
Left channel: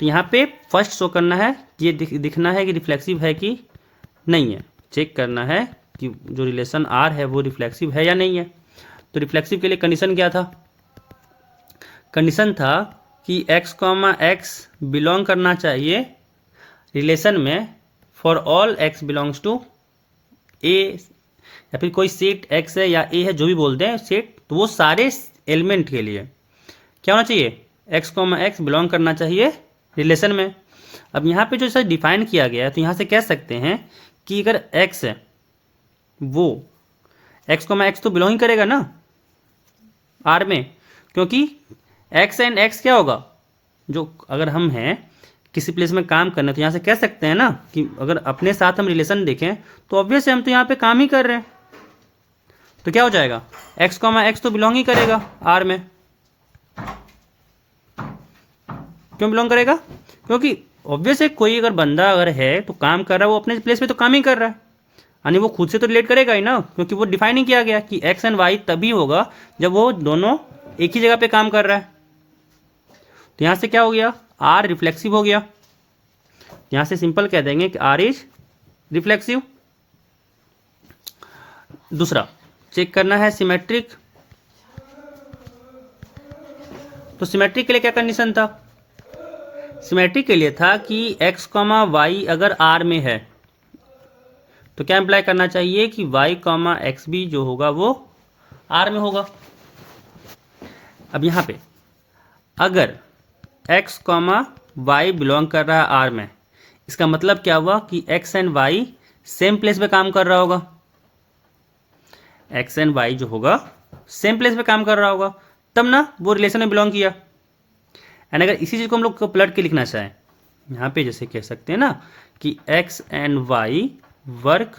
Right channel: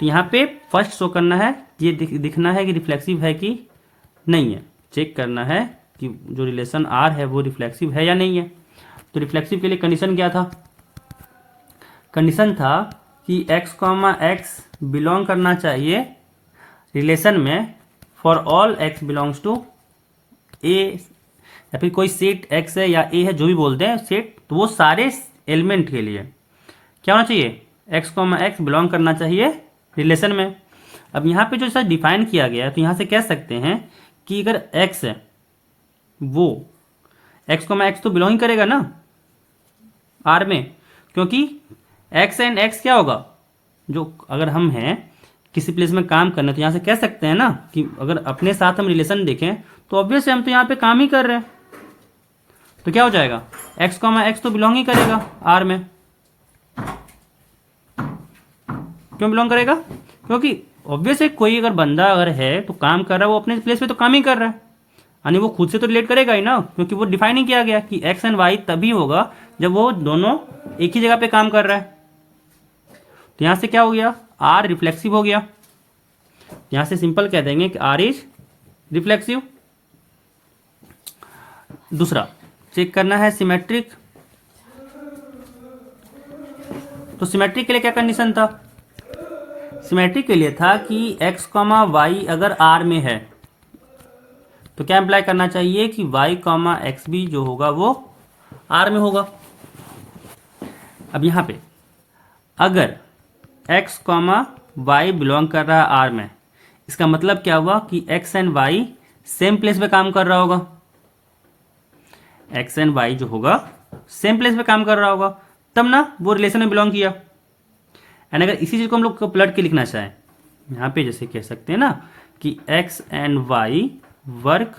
तो यहाँ पे फर्स्ट शो करना है, ये दिखना है कि रिफ्लेक्सिव है कि नहीं है, चेक करना है कि जो रिलेशन आर है वो रिफ्लेक्सिव है या नहीं है। तो रिफ्लेक्सिव के लिए कंडीशन क्या था, कंडीशन था कि x कॉमा एक्स बिलोंग करना चाहिए रिलेशन में for all x belongs to a, या फिर कोई सेट x है या a है, जो भी बोलते हैं सेट, तो वो सारे एलिमेंट के लिए क्या होना चाहिए, x कॉमा एक्स बिलोंग करना चाहिए रिलेशन में। अब यहाँ पे जो सर डिफाइन किया गया है, तो यहाँ से कह सकते हैं कि अगर x है वो x कॉमा एक्स तो बिलोंग ही करेगा ना r में, क्योंकि x एंड x क्या होगा, जो अगर हम हैं किसी प्लेस में काम करना, तो यहाँ से कह सकते हैं ना कि अगर अपने साथ हम रिलेशन देखें तो ऑब्वियस हम तो यहाँ पे काम ही कर रहे हैं, तो क्या हो जाएगा, x कॉमा एक्स तो बिलोंग ही करेगा r में। क्यों बिलोंग करेगा, क्योंकि ऑब्वियस है कोई अगर बंदा अगर है तो काम कर रहा है, वो अपने प्लेस पे तो काम ही कर रहा है, यानी वो खुद से तो रिलेट करेगा ही ना, क्योंकि वो डिफाइन ही किया गया कि एक्स एंड वाई तभी होगा जब वो दोनों एक ही जगह पे काम कर रहा है। तो यहाँ से क्या हो गया, आर रिफ्लेक्सिव हो गया। यहाँ से सिंपल कह देंगे कि आर इज रिफ्लेक्सिव। दूसरा चेक करना है सिमेट्रिक। तो सिमेट्रिक के लिए क्या कंडीशन था, सिमेट्रिक के लिए था कि x कॉमा वाई अगर R में है तो क्या इम्प्लाई करना चाहिए कि y कॉमा एक्स भी जो होगा वो R में होगा। अब यहाँ पे अगर x कॉमा वाई बिलोंग कर रहा है R में, इसका मतलब क्या हुआ कि x and y same place पे काम कर रहा होगा। x एंड y जो होगा सेम प्लेस पे काम कर रहा होगा, तब ना वो रिलेशन में बिलोंग किया। एंड अगर इसी चीज़ को हम लोग को पलट के लिखना चाहें, यहाँ पे जैसे कह सकते हैं ना कि x and y work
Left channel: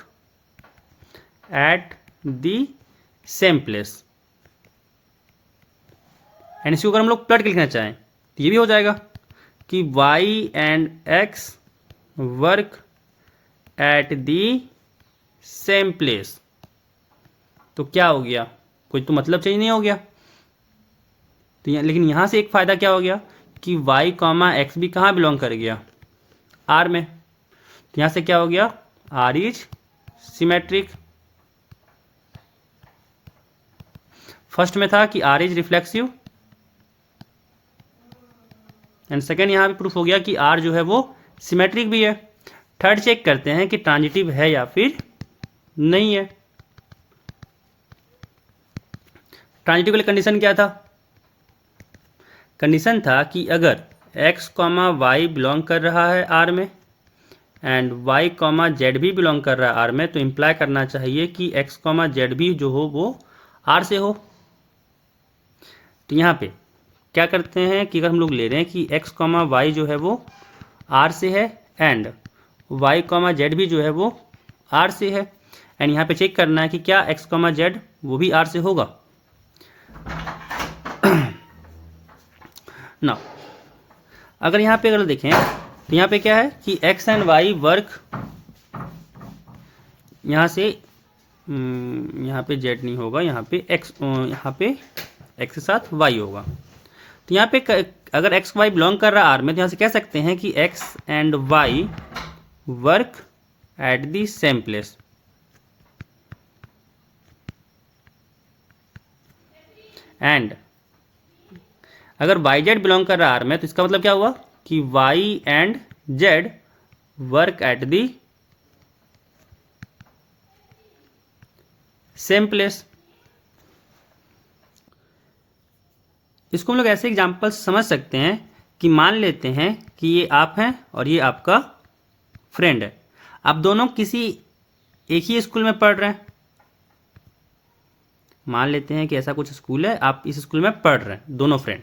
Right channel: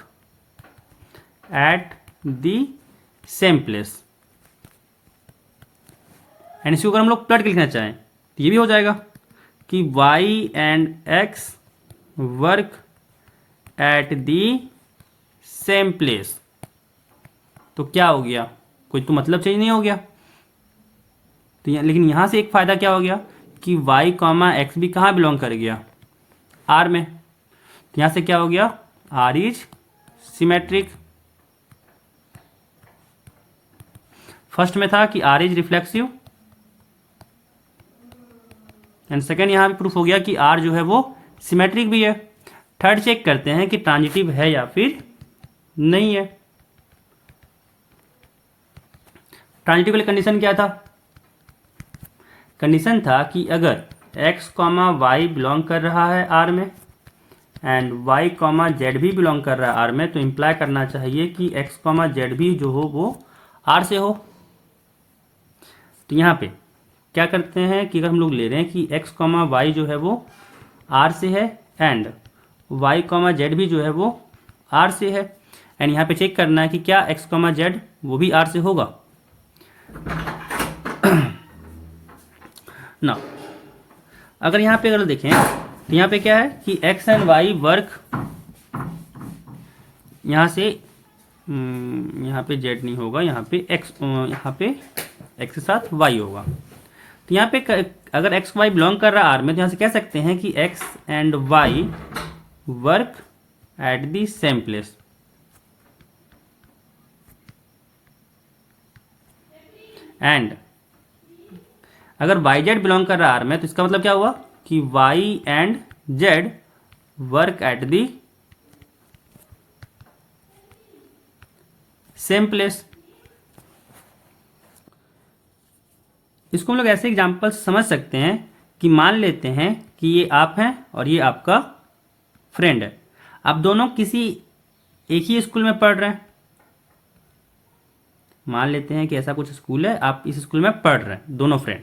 at the same place, and इसको अगर हम लोग पलट के लिखना चाहें तो ये भी हो जाएगा कि y and x work at the same place. तो क्या हो गया, कोई तो मतलब चेंज नहीं हो गया। तो लेकिन यहाँ से एक फ़ायदा क्या हो गया कि y कॉमा एक्स भी कहाँ बिलोंग कर गया, R में। तो यहाँ से क्या हो गया, R इज सिमेट्रिक। फर्स्ट में था कि R is reflexive, and second यहाँ भी प्रूफ हो गया कि R जो है वो सिमेट्रिक भी है। थर्ड चेक करते हैं कि ट्रांजिटिव है या फिर नहीं है। ट्रांजिटिव के लिए कंडीशन क्या था, कंडीशन था कि अगर x कॉमा वाई बिलोंग कर रहा है R में एंड y कॉमा जेड भी बिलोंग कर रहा है R में, तो इम्प्लाई करना चाहिए कि x कॉमा जेड भी जो हो वो R से हो। तो यहाँ पे क्या करते हैं कि अगर हम लोग ले रहे हैं कि x कॉमा वाई जो है वो R से है एंड y कॉमा जेड भी जो है वो R से है, एंड यहाँ पे चेक करना है कि क्या x कॉमा जेड वो भी R से होगा ना। अगर यहाँ पे अगर देखें तो यहाँ पे क्या है कि x एंड y वर्क, यहाँ से यहाँ पे z नहीं होगा, यहाँ पे x के साथ y होगा। तो यहाँ पे अगर x y बिलोंग कर रहा है R में, तो यहाँ से कह सकते हैं कि x and y work at the same place. And अगर वाई जेड बिलोंग कर रहा है R में, तो इसका मतलब क्या हुआ कि y and z work at the same place. इसको हम लोग ऐसे एग्जांपल समझ सकते हैं कि मान लेते हैं कि ये आप हैं और ये आपका फ्रेंड है। आप दोनों किसी एक ही स्कूल में पढ़ रहे हैं। मान लेते हैं कि ऐसा कुछ स्कूल है, आप इस स्कूल में पढ़ रहे हैं दोनों फ्रेंड,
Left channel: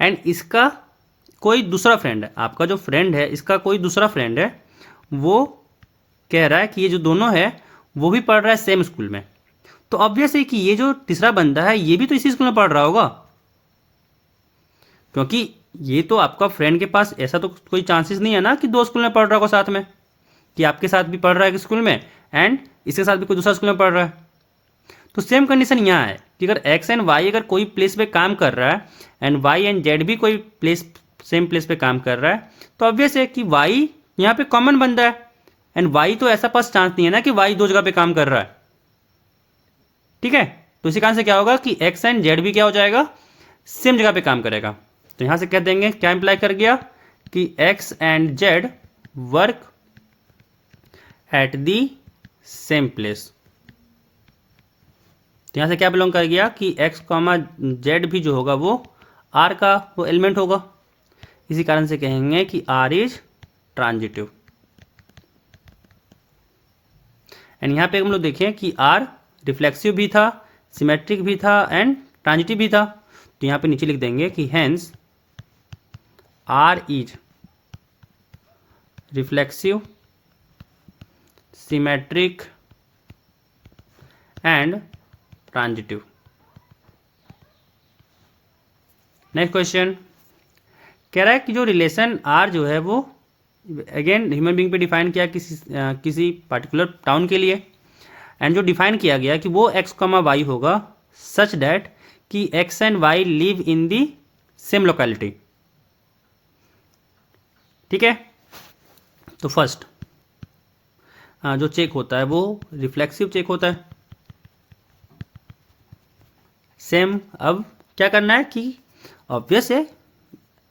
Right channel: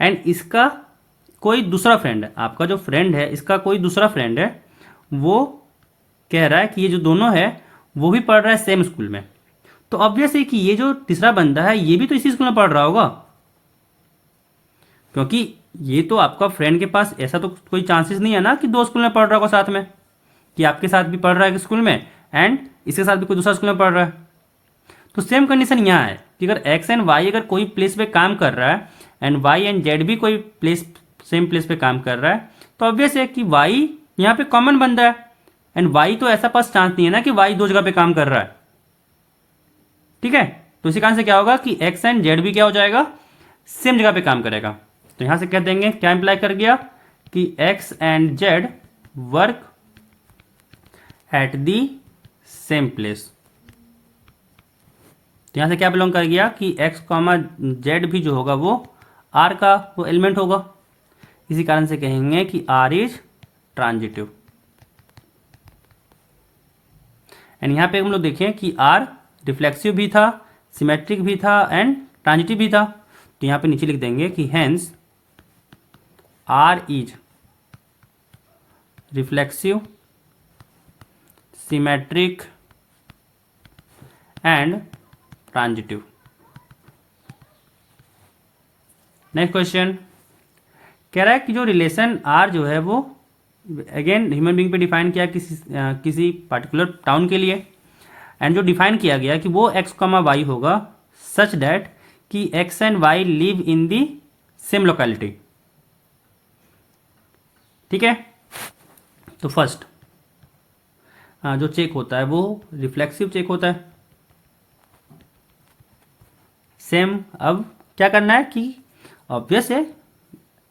एंड इसका कोई दूसरा फ्रेंड है, आपका जो फ्रेंड है इसका कोई दूसरा फ्रेंड है, वो कह रहा है कि ये जो दोनों है वो भी पढ़ रहा है सेम स्कूल में। तो ऑब्वियस है कि ये जो तीसरा बंदा है ये भी तो इसी स्कूल में पढ़ रहा होगा, क्योंकि ये तो आपका फ्रेंड के पास ऐसा तो कोई चांसेस नहीं है ना कि दो स्कूल में पढ़ रहा होगा साथ में, कि आपके साथ भी पढ़ रहा है स्कूल में एंड इसके साथ भी कोई दूसरा स्कूल में पढ़ रहा है। तो सेम कंडीशन यहाँ है कि अगर एक्स एंड वाई अगर कोई प्लेस पे काम कर रहा है एंड वाई एंड जेड भी कोई प्लेस सेम प्लेस पे काम कर रहा है, तो ऑब्वियस है कि वाई यहाँ पे कॉमन बंदा है, एंड वाई तो ऐसा पास चांस नहीं है ना कि वाई दो जगह पे काम कर रहा है। ठीक है, तो इसी कारण से क्या होगा कि एक्स एंड जेड भी क्या हो जाएगा, सेम जगह पे काम करेगा। तो यहां से कह देंगे क्या इंप्लाई कर गया कि x and Z work at the same place. तो यहां से क्या बिलोंग कर गया कि एक्स कॉमा जेड भी जो होगा वो आर का वो एलिमेंट होगा। इसी कारण से कहेंगे कि आर इज ट्रांजिटिव। एंड यहां पे हम लोग देखें कि आर रिफ्लेक्सिव भी था, सिमेट्रिक भी था एंड ट्रांजिटिव भी था। तो यहां पे नीचे लिख देंगे कि hence R is reflexive, symmetric and transitive. Next question कह रहा है कि जो रिलेशन आर जो है वो अगेन ह्यूमन बीइंग पे डिफाइन किया किसी पर्टिकुलर टाउन के लिए, एंड जो डिफाइन किया गया कि वो एक्स कॉमा वाई होगा सच दैट कि x and y live in the same locality. ठीक है, तो फर्स्ट जो चेक होता है वो रिफ्लेक्सिव चेक होता है सेम। अब क्या करना है कि ऑब्वियस है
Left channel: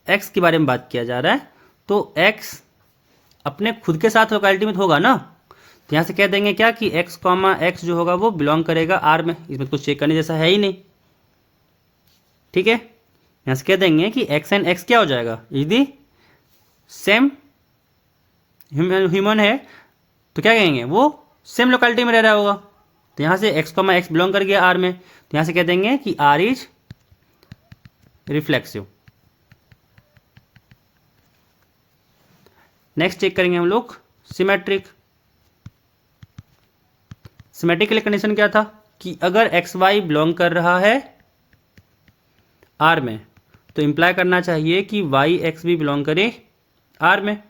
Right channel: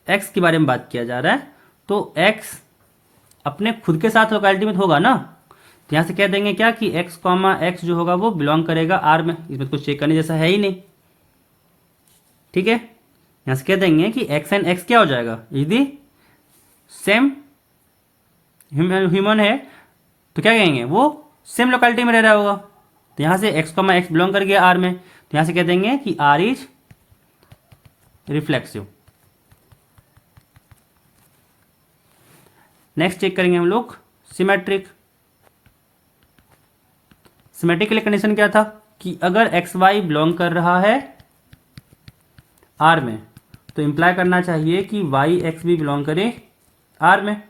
एक्स के बारे में बात किया जा रहा है, तो x अपने खुद के साथ लोकेलिटी में तो होगा ना, तो यहाँ से कह देंगे क्या कि x कॉमा एक्स जो होगा वो बिलोंग करेगा आर में। इसमें कुछ चेक करने जैसा है ही नहीं, ठीक है। यहाँ से कह देंगे कि x एंड x क्या हो जाएगा, यदि सेम ह्यूमन है तो क्या कहेंगे, वो सेम लोकेलिटी में रह रहा होगा। तो यहाँ से x कॉमा एक्स बिलोंग कर गया आर में, तो यहाँ से कह देंगे कि R is reflexive. Next check करेंगे हम लोग सिमेट्रिक। सिमेट्रिक के लिए कंडीशन क्या था कि अगर एक्स वाई बिलोंग कर रहा है आर में तो इंप्लाई करना चाहिए कि वाई एक्स भी बिलोंग करे आर में।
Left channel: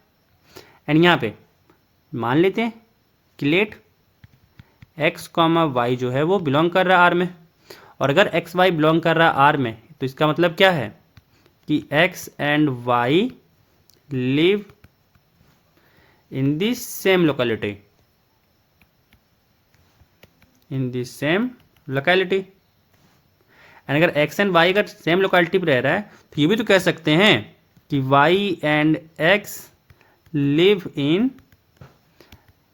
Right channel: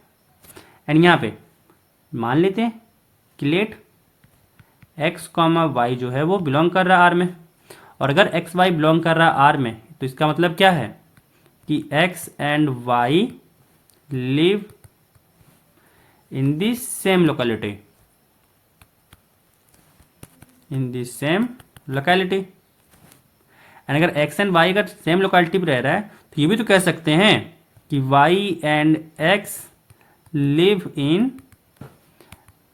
एंड यहाँ पे मान लेते हैं कि लेट एक्स कॉमा वाई जो है वो बिलोंग कर रहा है आर में, और अगर एक्स वाई बिलोंग कर रहा है आर में तो इसका मतलब क्या है कि x and y live in the same locality, in the same locality. And अगर एक्स एंड वाई अगर सेम लोकेलिटी पर रह रहा है तो ये भी तो कह सकते हैं कि y and x live in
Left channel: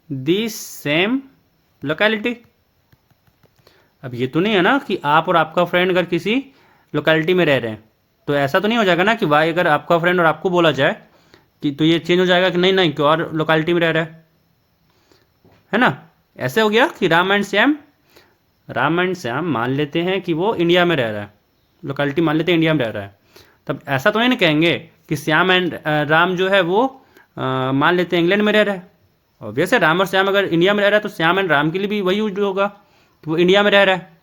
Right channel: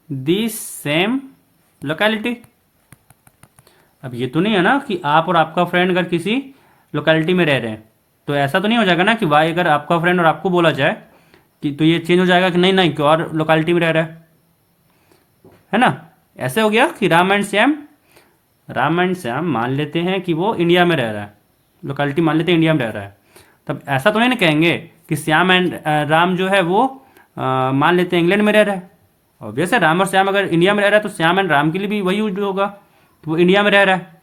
the same locality. अब ये तो नहीं है ना कि आप और आपका फ्रेंड अगर किसी लोकेलिटी में रह रहे हैं तो ऐसा तो नहीं हो जाएगा ना कि वाई अगर आपका फ्रेंड और आपको बोला जाए कि तो ये चेंज हो जाएगा कि नहीं नहीं कि और लोकेलिटी में रह रहा है ना। ऐसे हो गया कि राम एंड श्याम मान लेते हैं कि वो इंडिया में रह रहा है, लोकेलिटी मान लेते हैं इंडिया में रह रहा है। तब ऐसा तो नहीं ना कहेंगे कि श्याम एंड राम जो है वो मान लेते हैं इंग्लैंड में रह रहा है। ऑब्वियस है, राम और श्याम अगर इंडिया में रह रहा है तो श्याम एंड राम के लिए भी वही यूज होगा, तो वो इंडिया में रह रहा है।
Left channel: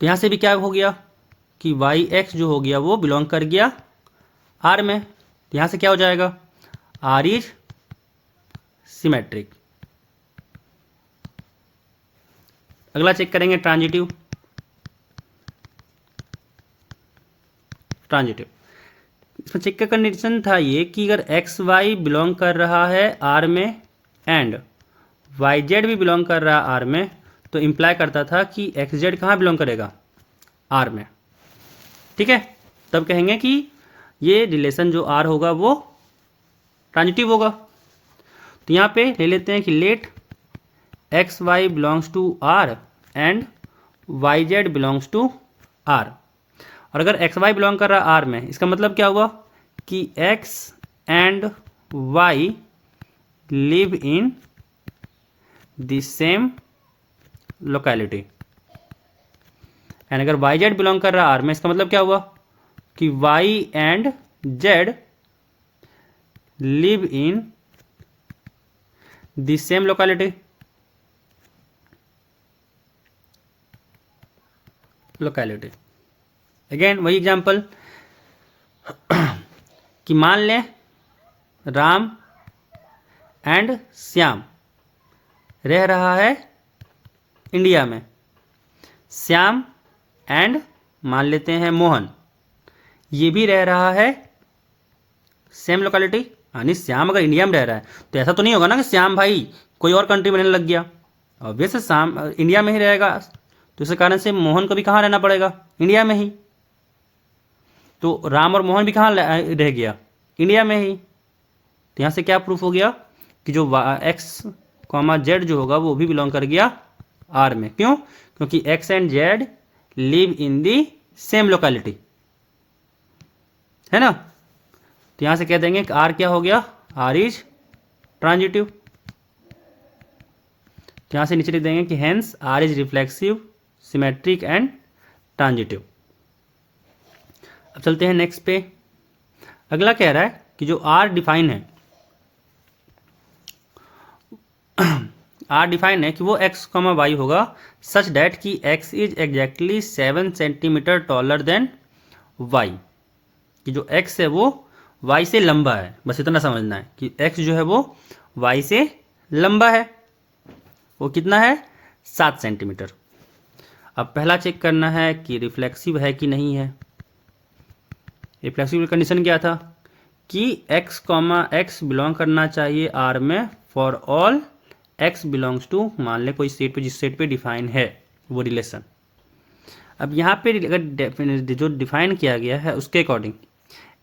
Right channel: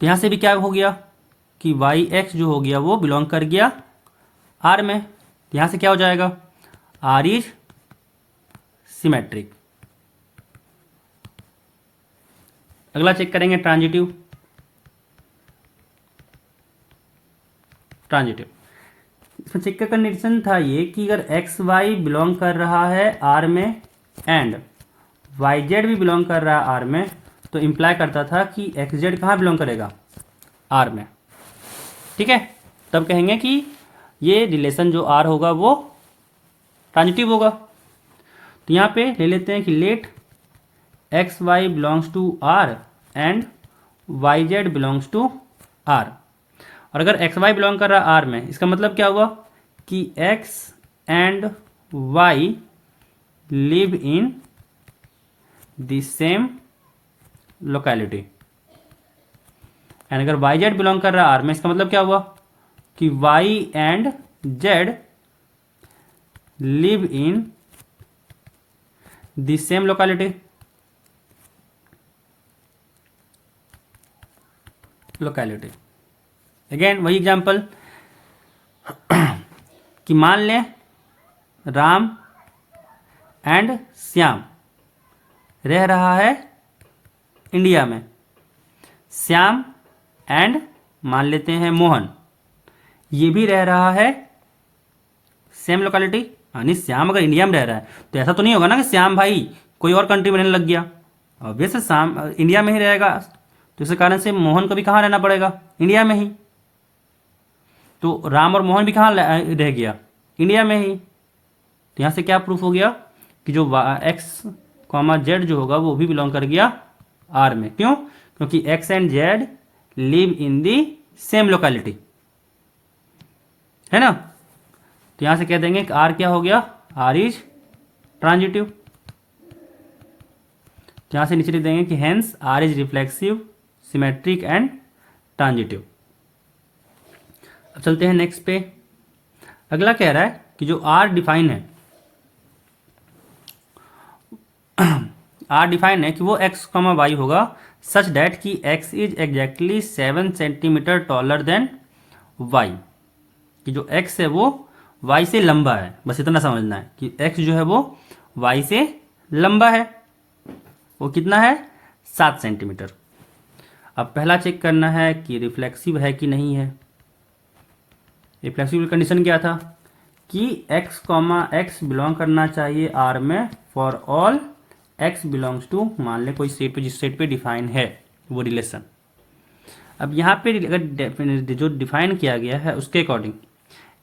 तो यहाँ से भी क्या हो गया कि वाई एक्स जो हो गया वो बिलोंग कर गया आर में। तो यहाँ से क्या हो जाएगा, आर इज सिमेट्रिक। अगला चेक करेंगे ट्रांजिटिव। इसमें चेक का कंडीशन था ये कि अगर एक्स वाई बिलोंग कर रहा है आर में एंड वाई जेड भी बिलोंग कर रहा है आर में, तो इंप्लाई करता था कि एक्स जेड कहाँ बिलोंग करेगा, आर में, ठीक है। तब कहेंगे कि ये रिलेशन जो आर होगा वो ट्रांजिटिव होगा। तो यहाँ पे ले लेते हैं कि let x y belongs to R and y z belongs to R. और अगर एक्स वाई बिलोंग कर रहा है आर में, इसका मतलब क्या हुआ कि x and y live in the same locality. And अगर वाई जेड बिलोंग कर रहा है आर में, इसका मतलब क्या हुआ कि y and z live in the same locality. Again वही एग्जांपल कि मान लें राम एंड श्याम रह रहा है इंडिया में, श्याम एंड मान लेते हैं मोहन ये भी रह रहा है सेम लोकेलिटी। यानी श्याम अगर इंडिया में रह रहा है तो ऐसा तो नहीं होगा ना कि श्याम भाई कोई और कंट्री में रहने लग गया, ऑब्वियस श्याम इंडिया में ही रहेगा। तो इस कारण से मोहन को भी कहाँ रहना पड़ेगा, इंडिया में ही। तो राम और मोहन भी कहाँ रह गया, इंडिया में ही। तो यहाँ से क्या प्रूफ हो गया कि जो एक्स कॉमा जेड जो होगा वो भी बिलोंग कर गया आर में। क्यों, क्योंकि x and z live in the same locality, है ना। तो यहां से कह देंगे कि आर क्या हो गया, आर इज ट्रांजिटिव। तो यहां से नीचे लिख देंगे कि hence R is reflexive, symmetric and transitive. अब चलते हैं नेक्स्ट पे। अगला कह रहा है कि जो आर डिफाइन है, आर डिफाइन है कि वो एक्स कॉमा वाई होगा सच डैट कि x is exactly 7 centimetre taller than y. कि जो एक्स है वो वाई से लंबा है, बस इतना समझना है कि एक्स जो है वो वाई से लंबा है। वो कितना है, 7 सेंटीमीटर। अब पहला चेक करना है कि रिफ्लेक्सिव है कि नहीं है। रिफ्लेक्सिव कंडीशन क्या था कि एक्स कॉमा एक्स बिलोंग करना चाहिए आर में for all x belongs to, मान लें कोई सेट पे, जिस सेट पे डिफाइन है वो रिलेशन। अब यहाँ पे अगर जो डिफाइन किया गया है उसके अकॉर्डिंग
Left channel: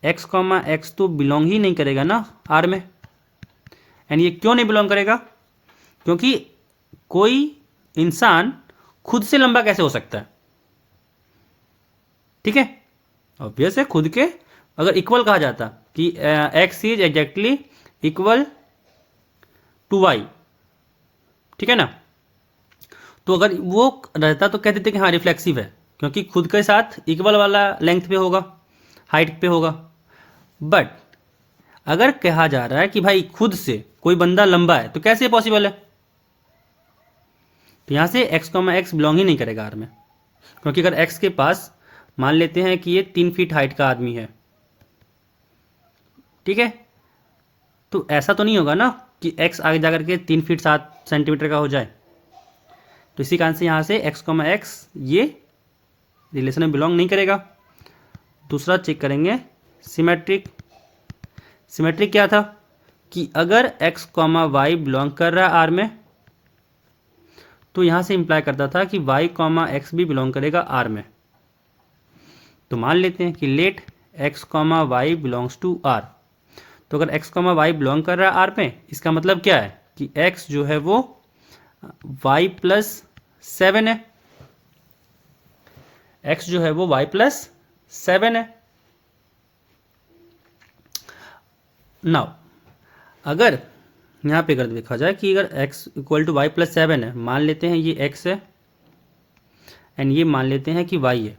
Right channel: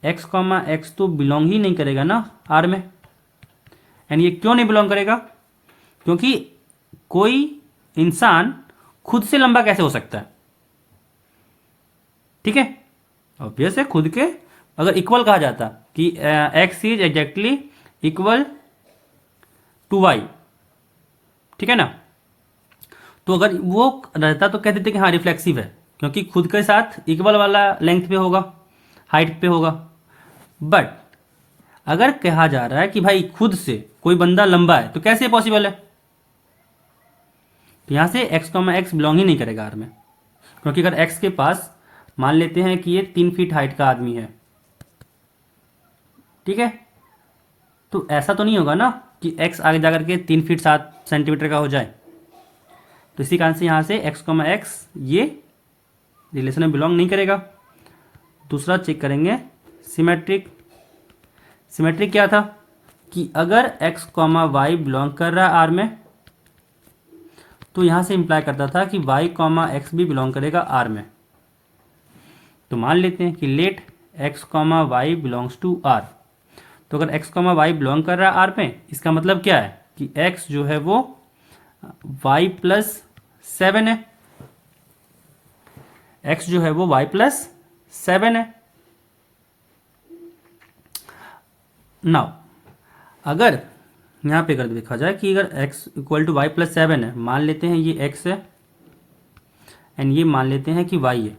एक्स कॉमा एक्स तो बिलोंग ही नहीं करेगा ना आर में। एंड ये क्यों नहीं बिलोंग करेगा? क्योंकि कोई इंसान खुद से लंबा कैसे हो सकता है? ठीक है, ऑब्वियस है, खुद के अगर इक्वल कहा जाता कि x is exactly equal to y, ठीक है ना, तो अगर वो रहता तो कह देते कि हाँ रिफ्लेक्सिव है, क्योंकि खुद के साथ इक्वल वाला लेंथ पे होगा, हाइट पे होगा। बट अगर कहा जा रहा है कि भाई खुद से कोई बंदा लंबा है, तो कैसे पॉसिबल है? तो यहां से एक्स कॉमा एक्स बिलोंग ही नहीं करेगा आर में, क्योंकि अगर एक्स के पास मान लेते हैं कि ये 3 फीट हाइट का आदमी है, ठीक है, तो ऐसा तो नहीं होगा ना कि एक्स आगे जाकर के 3 फीट 7 सेंटीमीटर का हो जाए। तो इसी कारण से यहां से एक्स कॉमा एक्स ये रिलेशन में बिलोंग नहीं करेगा। दूसरा चेक करेंगे सिमेट्रिक। सिमेट्रिक क्या था कि अगर एक्स कॉमा वाई बिलोंग कर रहा है आर में, तो यहां से इंप्लाई करता था कि वाई कॉमा एक्स भी बिलोंग करेगा आर में। तो मान लेते हैं कि let x comma y belongs to R. तो अगर एक्स कॉमा वाई बिलोंग कर रहा है आर में, इसका मतलब क्या है कि एक्स जो है वो y+7 है, एक्स जो है वो y+7 है। नाउ अगर यहां पे अगर देखा जाए कि अगर x इक्वल टू y+7 है, मान लेते हैं ये x है एंड ये मान लेते हैं कि y है,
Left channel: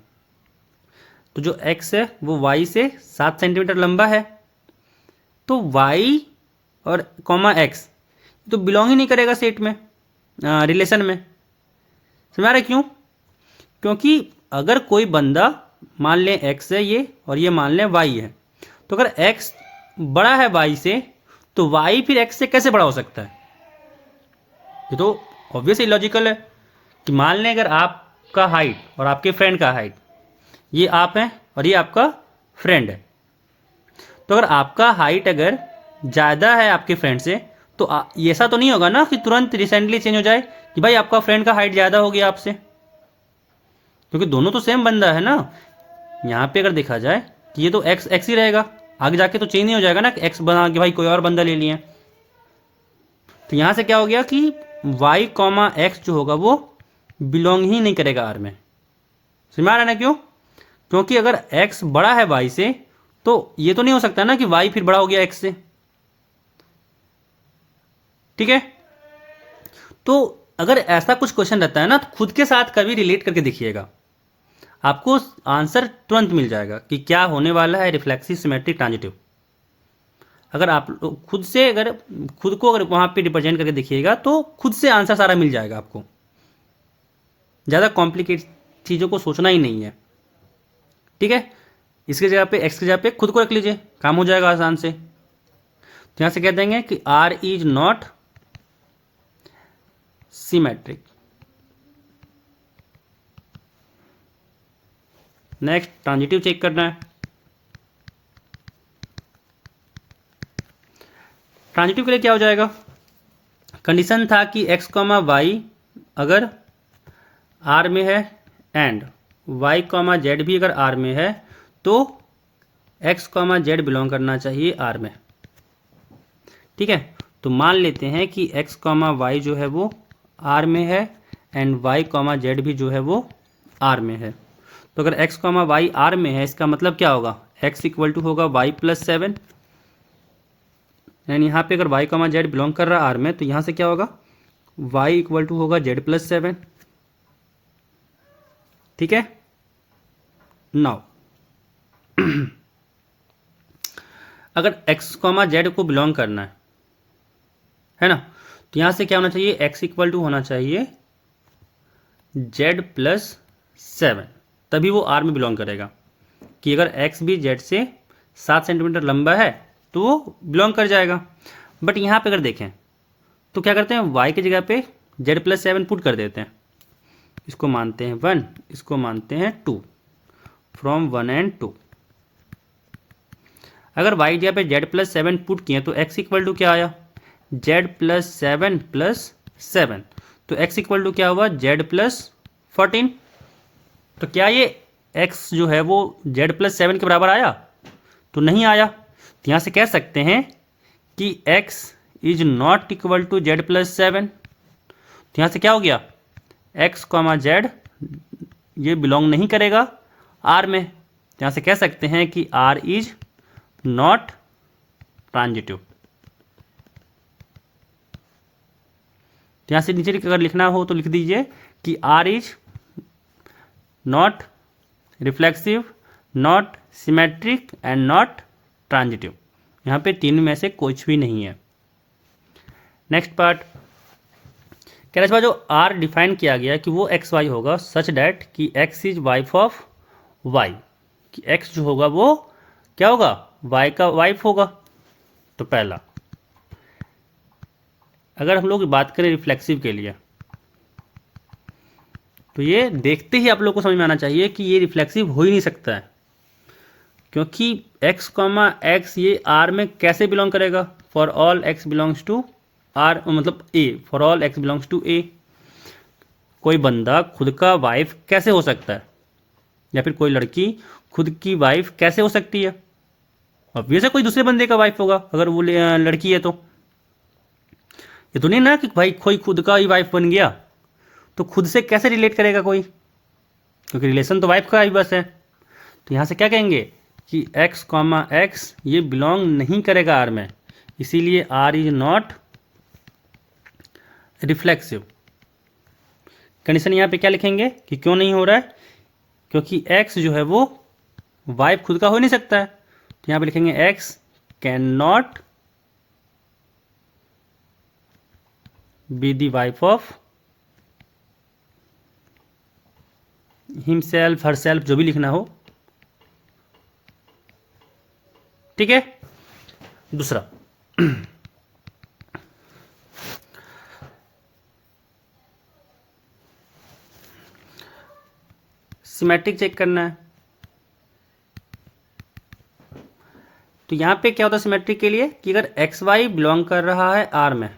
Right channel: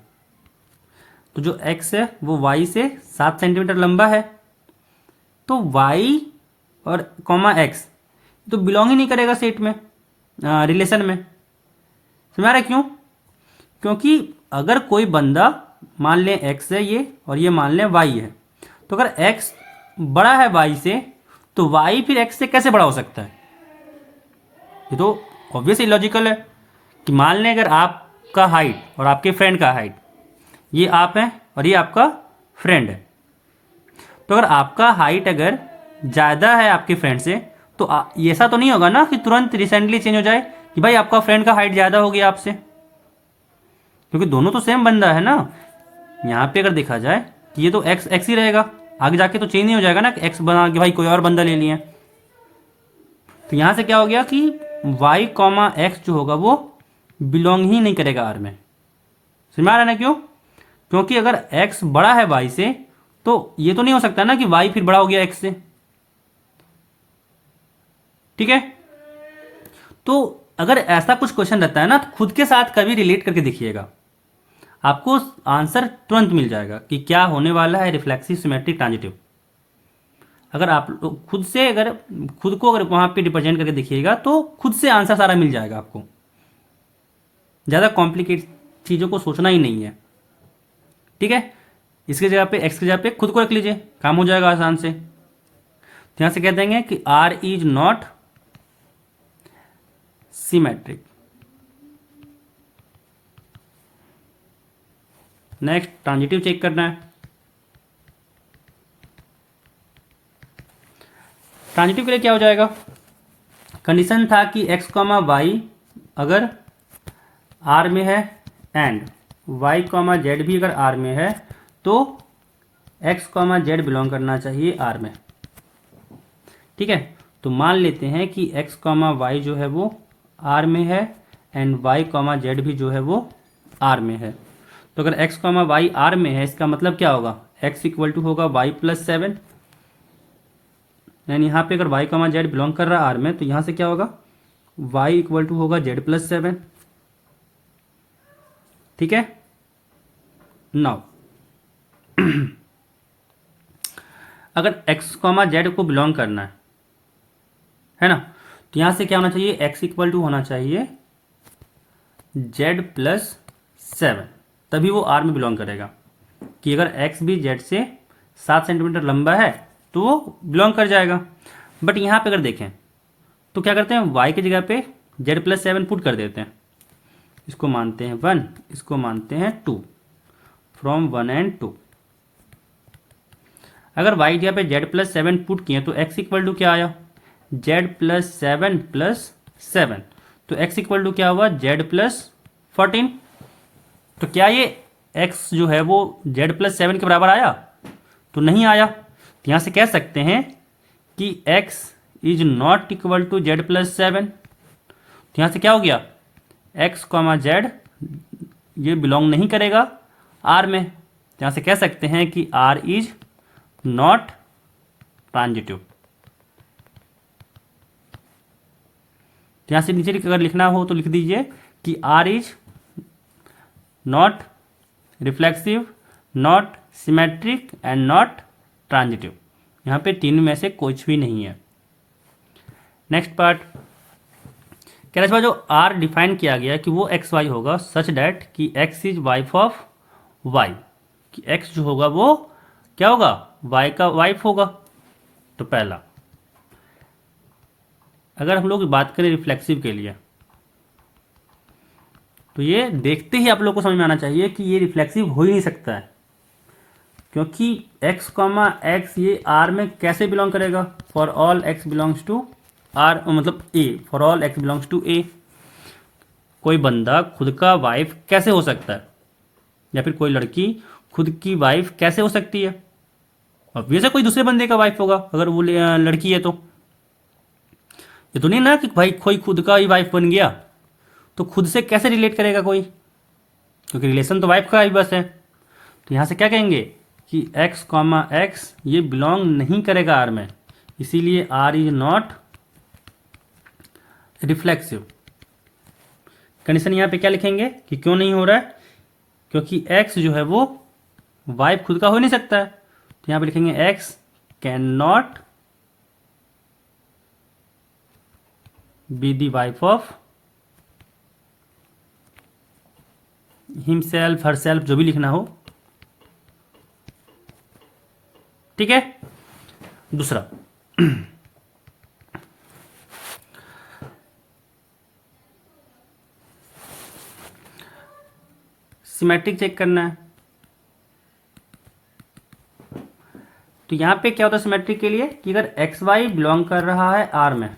तो जो x है वो y से 7 सेंटीमीटर लंबा है, तो y और कॉमा x तो बिलोंग ही नहीं करेगा सेट में, रिलेशन में। समझ आ रहा है क्यों? क्योंकि अगर कोई बंदा मान लें x है ये और ये मान लें y है, तो अगर x बड़ा है y से, तो y फिर x से कैसे बड़ा हो सकता है? ये तो ऑब्वियस लॉजिकल है कि मान लें अगर आपका हाइट और आपके फ्रेंड का हाइट, ये आप हैं और ये आपका फ्रेंड है, तो अगर आपका हाइट अगर ज़्यादा है आपके फ्रेंड से, तो ऐसा तो नहीं होगा ना कि तुरंत रिसेंटली चेंज हो जाए कि भाई आपका फ्रेंड का हाइट ज़्यादा हो गया आपसे, क्योंकि दोनों तो सेम बंदा है ना। यहाँ पे अगर देखा जाए कि ये तो एक्स एक्स ही रहेगा, आगे जाके तो चेंज नहीं हो जाएगा ना कि एक्स बना के भाई कोई और बंदा ले लिया। तो यहाँ से क्या हो गया कि वाई कॉमा एक्स जो होगा वो बिलोंग ही नहीं करेगा आर में। समझ आ रहा है ना क्यों? क्योंकि अगर एक्स बड़ा है वाई से, तो ये तो नहीं हो सकता ना कि वाई फिर बड़ा हो गया एक्स से, ठीक है। तो अगर ऐसा कुछ क्वेश्चन रहता है ना, तो खुद के साथ कभी रिलेट करके देखिएगा, आपको आंसर तुरंत मिल जाएगा कि क्या होने वाला है रिफ्लेक्सिव सिमेट्रिक ट्रांजिटिव। अगर आप खुद से अगर खुद को अगर वहां पे रिप्रेजेंट करके देखिएगा, तो खुद से आंसर सारा मिल जाएगा आपको, ज़्यादा कॉम्प्लिकेट चीज़ों को सोचना ही नहीं है, ठीक है। इसकी जगह पे एक्स की जगह पे खुद को रख लीजिए, काम हो जाएगा आसान से। तो यहां से कह देंगे कि R is not symmetric. Next transitive check करना है। ट्रांजिटिव के लिए क्या हो जाएगा? कंडीशन था कि एक्स कॉमा वाई अगर आर में है एंड वाई कॉमा जेड भी अगर आर में है, तो एक्स कॉमा जेड बिलोंग करना चाहिए आर में, ठीक है। तो मान लेते हैं कि एक्स कॉमा वाई जो है वो आर में है एंड वाई कॉमा जेड भी जो है वो आर में है। तो अगर एक्स कॉमा वाई आर में है, इसका मतलब क्या होगा? एक्स इक्वल टू होगा y+7, यानी यहाँ पे अगर वाई कॉमा जेड बिलोंग कर रहा है आर में, तो यहाँ से क्या होगा? y इक्वल टू होगा z+7, ठीक है। नाउ अगर x कॉमा जेड को बिलोंग करना है ना, तो यहां से क्या होना चाहिए? x इक्वल टू होना चाहिए z+7, तभी वो r में बिलोंग करेगा। कि अगर x भी z से 7 सेंटीमीटर लंबा है, तो वो बिलोंग कर जाएगा। बट यहां पे अगर देखें तो क्या करते हैं, y की जगह पे z+7 पुट कर देते हैं। इसको मानते हैं 1, इसको मानते हैं 2, फ्रॉम 1 and 2। अगर y जगह पे z+7 पुट किए तो x इक्वल टू क्या आया? z+7+7, तो x इक्वल टू क्या हुआ? z+14। तो क्या ये x जो है वो z+7 के बराबर आया? तो तो नहीं आया, तो यहाँ से कह सकते हैं कि x is not equal to z plus 7। तो यहाँ से क्या हो गया, x कॉमा जेड ये बिलोंग नहीं करेगा R में, तो यहाँ से कह सकते हैं कि R इज नॉट ट्रांजिटिव। तो यहाँ से नीचे अगर लिखना हो तो लिख दीजिए कि R is not reflexive, not symmetric and not transitive. यहाँ पे तीन में से कुछ भी नहीं है। नेक्स्ट पार्ट कह रहा है जो R डिफाइन किया गया कि वो एक्स वाई होगा सच डैट कि x is wife of y, कि x जो होगा वो क्या होगा, y का वाइफ होगा। तो पहला, अगर हम लोग बात करें रिफ्लेक्सिव के लिए, तो ये देखते ही आप लोग को समझ में आना चाहिए कि ये रिफ्लेक्सिव हो ही नहीं सकता है, क्योंकि x कॉमा एक्स ये R में कैसे बिलोंग करेगा, for all x belongs to R, मतलब A, for all x belongs to A। कोई बंदा खुद का वाइफ कैसे हो सकता है, या फिर कोई लड़की खुद की वाइफ कैसे हो सकती है, ऑब्वियस है कोई दूसरे बंदे का वाइफ होगा अगर वो लड़की है तो। ये तो नहीं ना कि भाई कोई खुद का ही वाइफ बन गया, तो खुद से कैसे रिलेट करेगा कोई, क्योंकि रिलेशन तो वाइफ का ही बस है। तो यहाँ से क्या कहेंगे कि x कॉमा एक्स ये बिलोंग नहीं करेगा R में, इसीलिए R is not reflexive. Condition यहाँ पे क्या लिखेंगे कि क्यों नहीं हो रहा है, क्योंकि x जो है वो वाइफ खुद का हो नहीं सकता है। तो यहाँ पे लिखेंगे x can not be the wife of himself, herself, जो भी लिखना हो, ठीक है। दूसरा सिमेट्रिक चेक करना है। तो यहां पे क्या होता है सिमेट्रिक के लिए कि अगर एक्स वाई बिलोंग कर रहा है R में,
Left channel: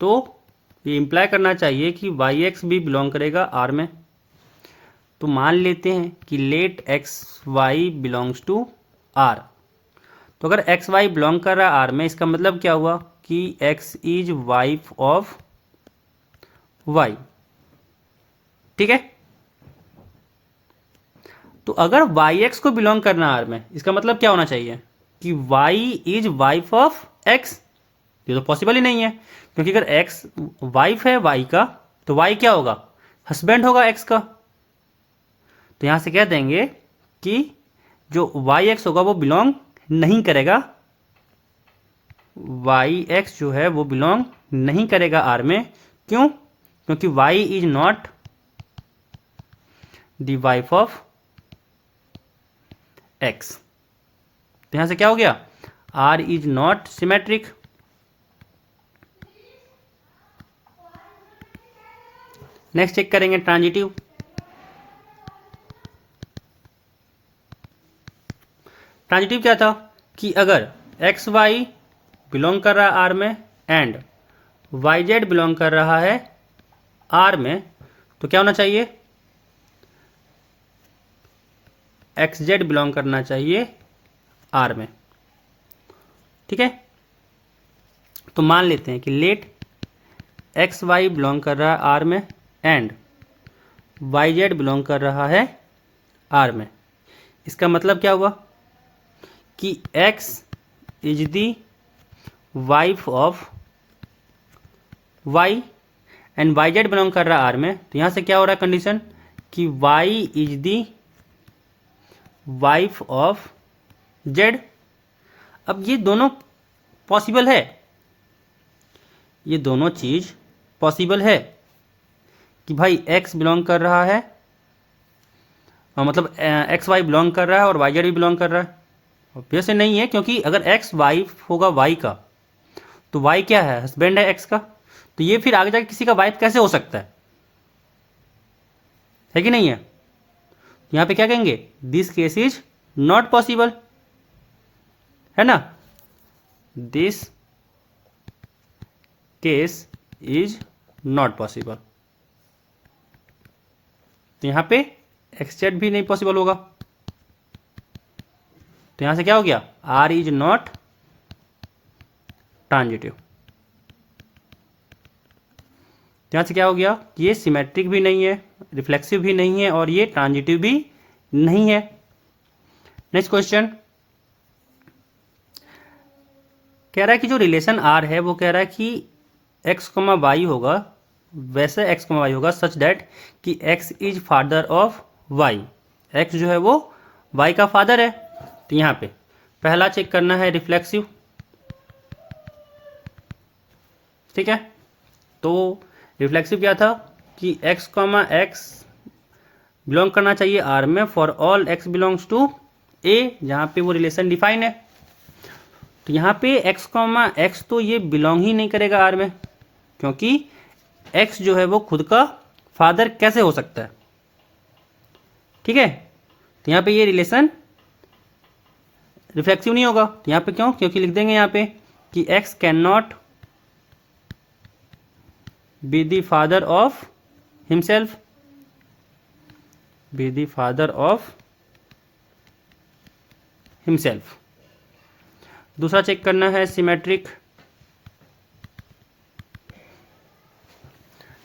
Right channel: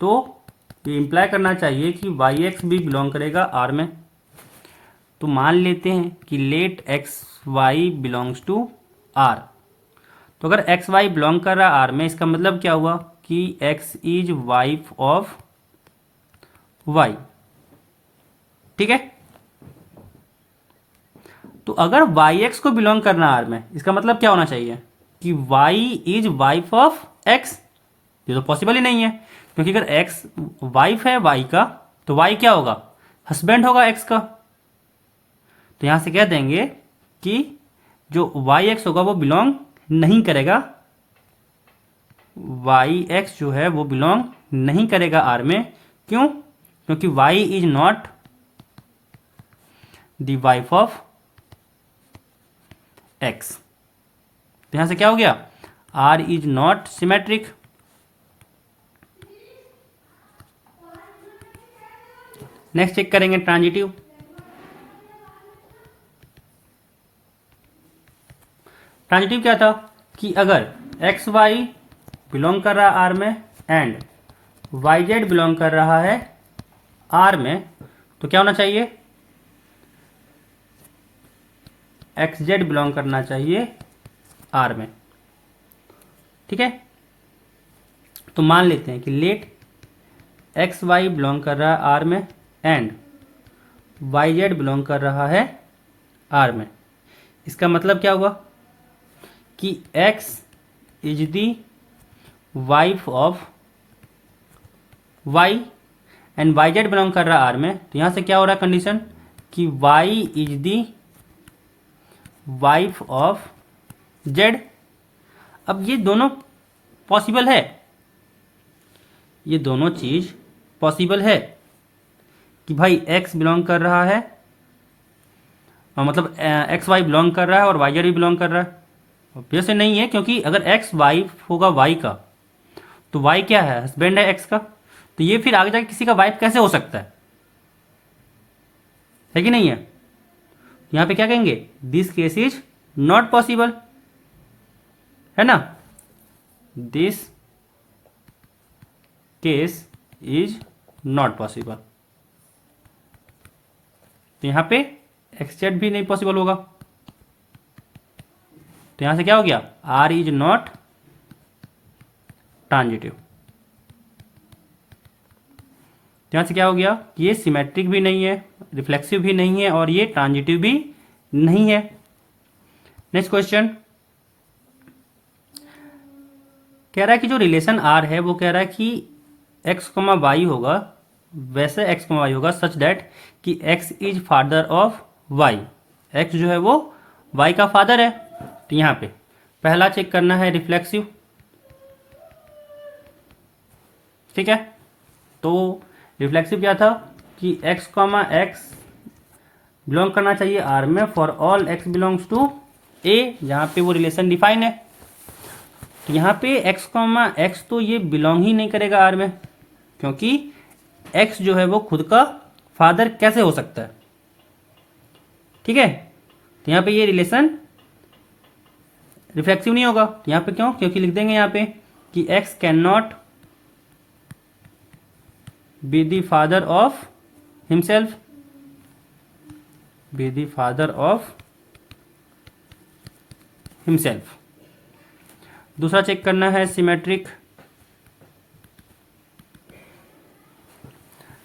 तो ये इंप्लाई करना चाहिए कि वाई एक्स भी बिलोंग करेगा R में। तो मान लेते हैं कि let x y belongs to R। तो अगर एक्स वाई बिलोंग कर रहा है R में, इसका मतलब क्या हुआ कि x is wife of y, ठीक है। तो अगर वाई एक्स को बिलोंग करना R में, इसका मतलब क्या होना चाहिए कि y is wife of x। ये तो पॉसिबल ही नहीं है, क्योंकि अगर x वाइफ है y का, तो y क्या होगा, हस्बैंड होगा x का। तो यहां से कह देंगे कि जो वाई एक्स होगा वो बिलोंग नहीं करेगा, वाई एक्स जो है वो बिलोंग नहीं करेगा R में। क्यों, क्योंकि y is not the wife of x। तो यहां से क्या हो गया, R is not symmetric. Next check करेंगे ट्रांजिटिव। ट्रांजिटिव क्या था कि अगर एक्स वाई बिलोंग कर रहा है R में एंड वाई जेड बिलोंग कर रहा है R में, तो क्या होना चाहिए, एक्स जेड बिलोंग करना चाहिए R में, ठीक है। तो मान लेते हैं कि लेट एक्स वाई बिलोंग कर रहा है R में एंड वाई जेड बिलोंग कर रहा है R में। इसका मतलब क्या हुआ कि x is the wife of y and y z belong कर रहा है R में। तो यहां से क्या हो रहा है कंडीशन कि y is the wife of z। अब ये दोनों पॉसिबल है, ये दोनों चीज पॉसिबल है कि भाई x बिलोंग कर रहा है, मतलब एक्स वाई बिलोंग कर रहा है और वाई जेड भी बिलोंग कर रहा है। ऑब्वियस नहीं है, क्योंकि अगर x वाइफ होगा y का, तो y क्या है, हस्बैंड है x का। तो ये फिर आगे जाके किसी का वाइफ कैसे हो सकता है कि नहीं है। यहां पे क्या कहेंगे, this case is not possible, है ना, this case is not possible. तो यहां पे एक्स जेड भी नहीं पॉसिबल होगा। तो यहां से क्या हो गया, आर इज नॉट ट्रांजिटिव। तो यहां से क्या हो गया, ये सिमेट्रिक भी नहीं है, रिफ्लेक्सिव भी नहीं है, और ये ट्रांजिटिव भी नहीं है। नेक्स्ट क्वेश्चन कह रहा है कि जो रिलेशन आर है वो कह रहा है कि एक्स कॉमा वाई होगा, वैसे एक्स कॉमा वाई होगा सच दैट कि x is father of y, x जो है वो वाई का फादर है। तो यहां पे पहला चेक करना है रिफ्लेक्सिव, ठीक है। तो रिफ्लेक्सिव क्या था कि एक्स कॉमा एक्स बिलोंग करना चाहिए आर में for all x belongs to a, जहां पे वो रिलेशन डिफाइन है। तो यहां पे एक्स कॉमा एक्स तो ये बिलोंग ही नहीं करेगा आर में, क्योंकि एक्स जो है वो खुद का फादर कैसे हो सकता है, ठीक है। तो यहां पे ये रिलेशन रिफ्लेक्सिव नहीं होगा। तो यहां पे क्यों, क्योंकि लिख देंगे यहां पे कि x can not be the father of himself, be the father of himself. दूसरा चेक करना है सिमेट्रिक,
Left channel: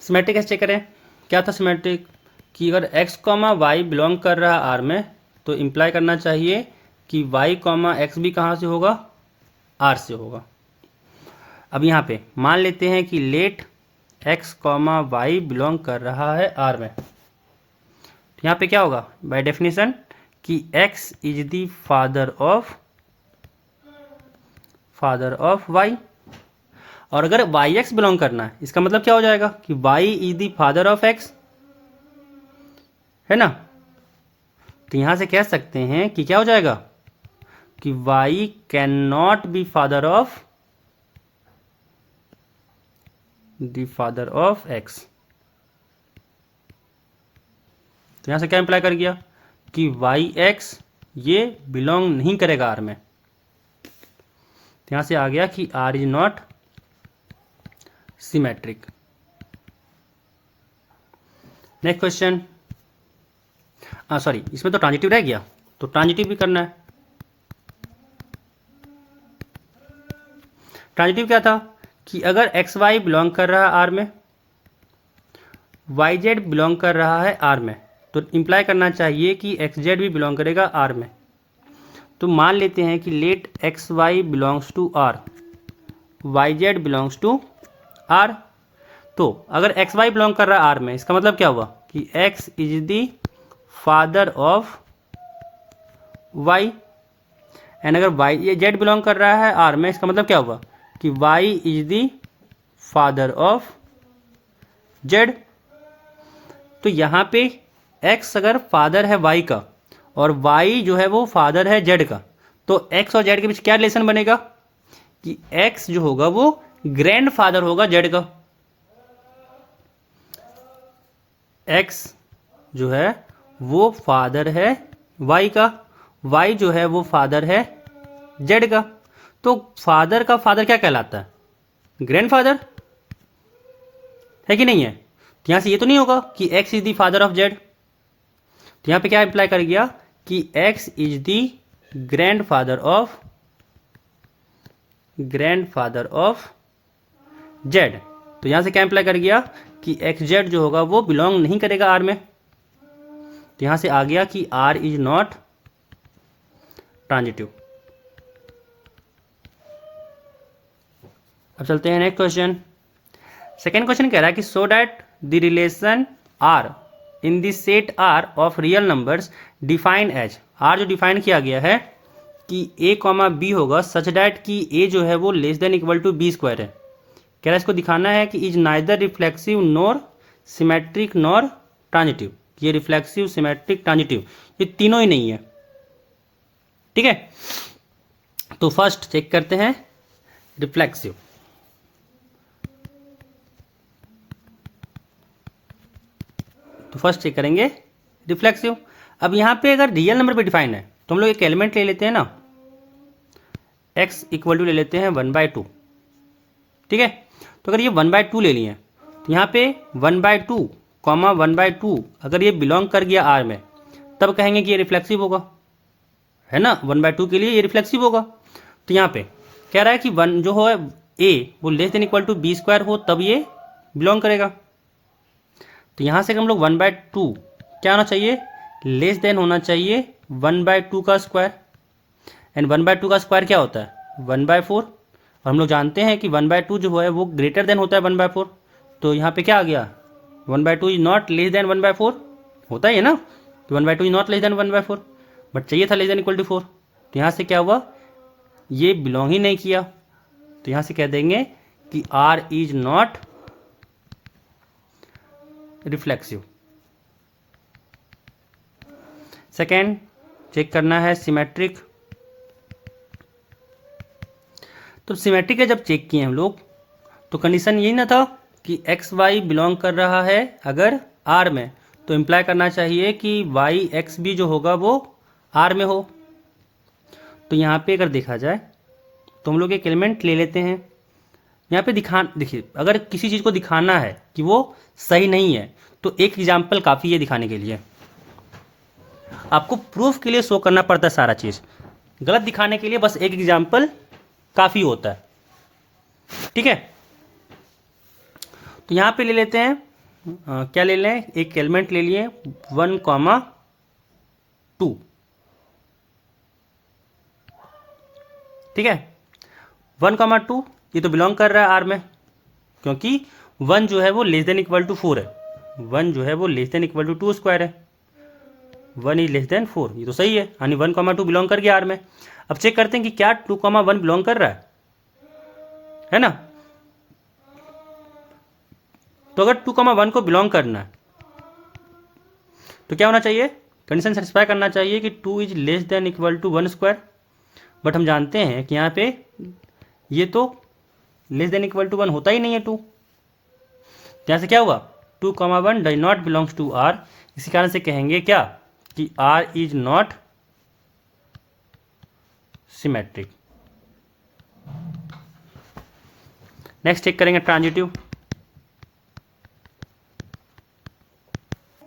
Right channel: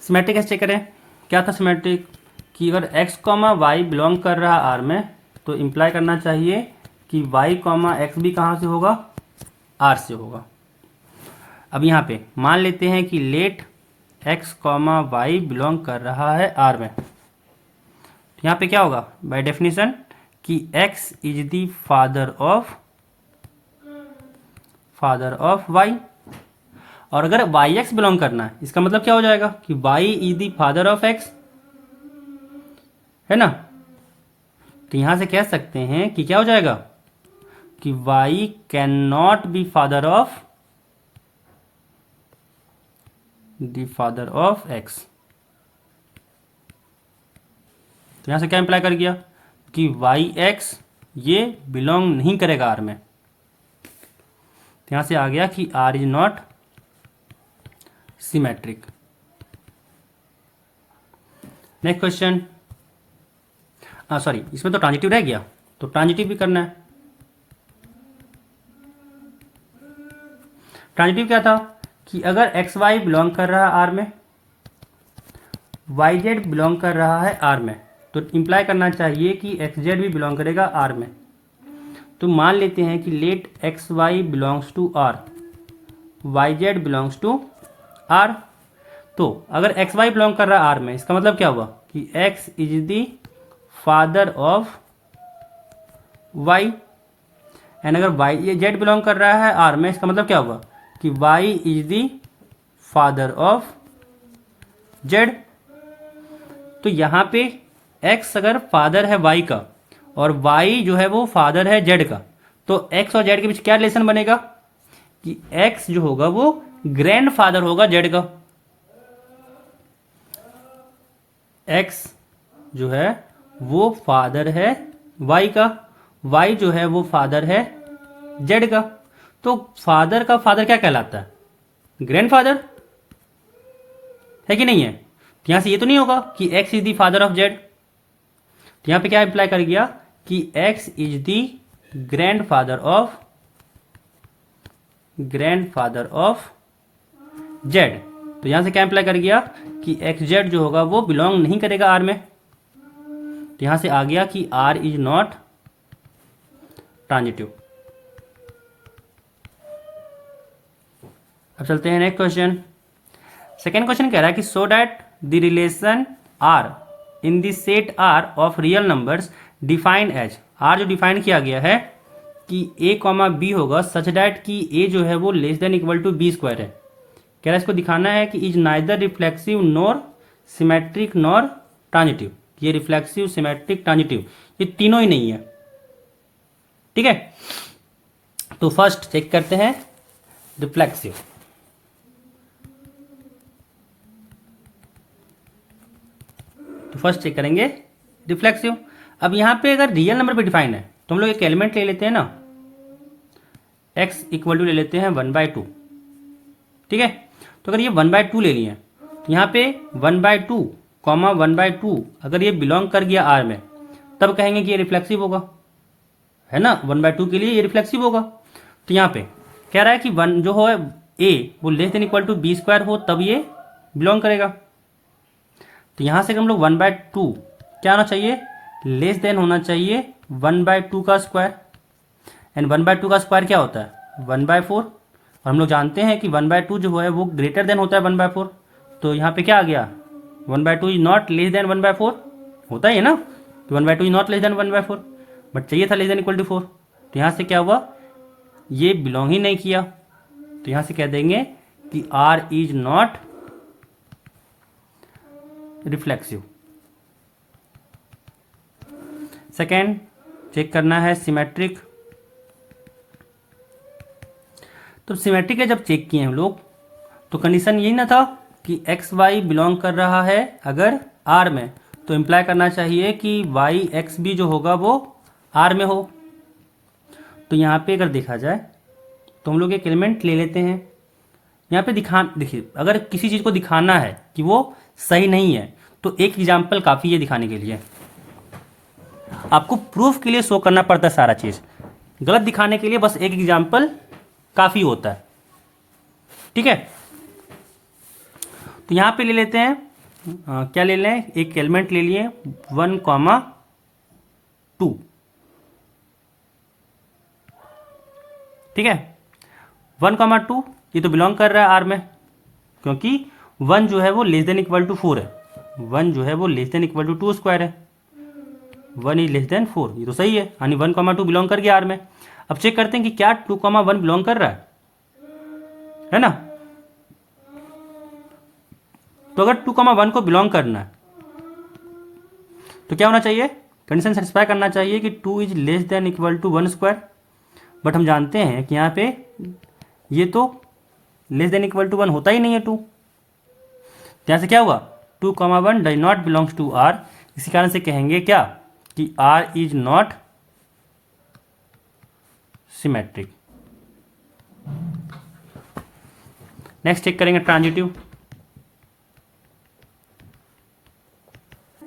सिमेट्रिक कैसे चेक करें, क्या था सिमेट्रिक कि अगर एक्स कॉमा वाई बिलोंग कर रहा आर में तो इंप्लाई करना चाहिए कि वाई कॉमा एक्स भी कहाँ से होगा, आर से होगा। अब यहाँ पे मान लेते हैं कि let x comma y belong कर रहा है आर में, तो यहाँ पे क्या होगा बाय डेफिनेशन कि x is the father of y. और अगर वाई एक्स बिलोंग करना है इसका मतलब क्या हो जाएगा कि y is the father of x, है ना। तो यहां से कह सकते हैं कि क्या हो जाएगा कि y can not be father of x. तो यहां से क्या इंप्लाई कर गया कि वाई एक्स ये बिलोंग नहीं करेगा आर में। तो यहां से आ गया कि R is not symmetric. Next question, sorry इसमें तो ट्रांजिटिव रह गया, तो ट्रांजिटिव भी करना है। ट्रांजिटिव क्या था कि अगर एक्स वाई बिलोंग कर रहा है आर में, वाई जेड बिलोंग कर रहा है आर में, तो इंप्लाई करना चाहिए कि एक्स जेड भी बिलोंग करेगा आर में। तो मान लेते हैं कि let x y belongs to R, y z belongs to R. तो अगर एक्स वाई बिलोंग कर रहा है आर में, इसका मतलब क्या हुआ कि x is the father of y, and अगर वाई जेड बिलोंग कर रहा है आर में, इसका मतलब क्या हुआ कि y is the father of z. तो यहां पे एक्स अगर फादर है वाई का और वाई जो है वो फादर है जेड का, तो एक्स और जेड के बीच क्या रिलेशन बनेगा कि एक्स जो होगा वो ग्रैंड फादर होगा जेड का, एक्स जो है वो फादर है वाई का, वाई जो है वो फादर है जेड का। तो फादर का फादर क्या कहलाता है, ग्रैंडफादर, है कि नहीं है। तो यहां से ये तो नहीं होगा कि x is the father of z. तो यहां पे क्या इंप्लाई कर गया कि x is the grandfather of z. तो यहां से क्या इंप्लाई कर गया कि एक्स जेड जो होगा वो बिलोंग नहीं करेगा आर में। तो यहां से आ गया कि आर इज नॉट ट्रांजिटिव। अब चलते हैं नेक्स्ट क्वेश्चन। सेकेंड क्वेश्चन कह रहा है कि so that the relation R in the set R of real numbers defined as, R जो डिफाइन किया गया है कि ए कॉमा बी होगा सच दैट कि ए जो है वो less than equal to b square है। कह रहा है इसको दिखाना है कि is neither reflexive nor symmetric nor transitive. ये रिफ्लेक्सिव सिमेट्रिक ट्रांजिटिव ये तीनों ही नहीं है, ठीक है। तो फर्स्ट चेक करते हैं रिफ्लेक्सिव। तो फर्स्ट चेक करेंगे रिफ्लेक्सिव। अब यहां पे अगर रियल नंबर पे डिफाइंड है तो हम लोग एक एलिमेंट ले लेते हैं ना, x इक्वल टू ले लेते हैं 1/2, ठीक है। तो अगर ये 1/2 ले लिए तो यहां पे 1/2 कॉमा 1/2 अगर ये बिलोंग कर गया आर में, तब कहेंगे कि ये रिफ्लेक्सिव होगा, है ना, 1/2 के लिए ये रिफ्लेक्सिव होगा। तो यहाँ पे कह रहा है कि वन जो है ए वो less than equal to b square हो तब ये बिलोंग करेगा। तो यहाँ से हम लोग 1/2 क्या होना चाहिए, लेस देन होना चाहिए 1/2 का स्क्वायर। एंड 1/2 का स्क्वायर क्या होता है 1/4, और हम लोग जानते हैं कि 1/2 जो है वो ग्रेटर देन होता है 1/4। तो यहाँ पे क्या आ गया 1/2 इज नॉट लेस देन 1/4, होता ही है ना, तो 1/2 is not less then 1/4, but चाहिए था लेस देन इक्वल टू 4। तो यहाँ से क्या हुआ, ये बिलोंग ही नहीं किया। तो यहाँ से कह देंगे कि R is not reflexive. Second check करना है सिमेट्रिक। तो सिमेट्रिक का जब चेक किए हम लोग तो कंडीशन यही ना था कि एक्स वाई बिलोंग कर रहा है अगर आर में, तो इम्प्लाई करना चाहिए कि वाई एक्स भी जो होगा वो आर में हो। तो यहाँ पे अगर देखा जाए तो हम लोग एक एलिमेंट ले लेते हैं। यहाँ पे देखिए अगर किसी चीज़ को दिखाना है कि वो सही नहीं है तो एक एग्जाम्पल काफ़ी है दिखाने के लिए। आपको प्रूफ के लिए शो करना पड़ता है सारा चीज़, गलत दिखाने के लिए बस एक एग्जाम्पल काफ़ी होता है। ठीक है, तो यहाँ पे ले लेते हैं क्या ले लें, एक एलिमेंट ले लिए 1,2। ठीक है, 1,2 ये तो बिलोंग कर रहा है आर में, क्योंकि 1 जो है वो लेस देन इक्वल टू 4 है, 1 जो है वो less than equal to 2 square है, 1 इज लेस देन 4, ये तो सही है, यानी 1,2 बिलोंग कर गया आर में। अब चेक करते हैं कि क्या 2,1 बिलोंग कर रहा है ना। तो अगर 2,1 को बिलोंग करना है तो क्या होना चाहिए, कंडीशन सेटिस्फाई करना चाहिए कि 2 is less than equal to 1 square. But हम जानते हैं कि यहाँ पे ये तो लेस देन इक्वल टू 1 होता ही नहीं है 2। यहाँ से क्या हुआ 2,1 does not belongs to R, इसी कारण से कहेंगे क्या कि R is not symmetric. Next check करेंगे ट्रांजिटिव।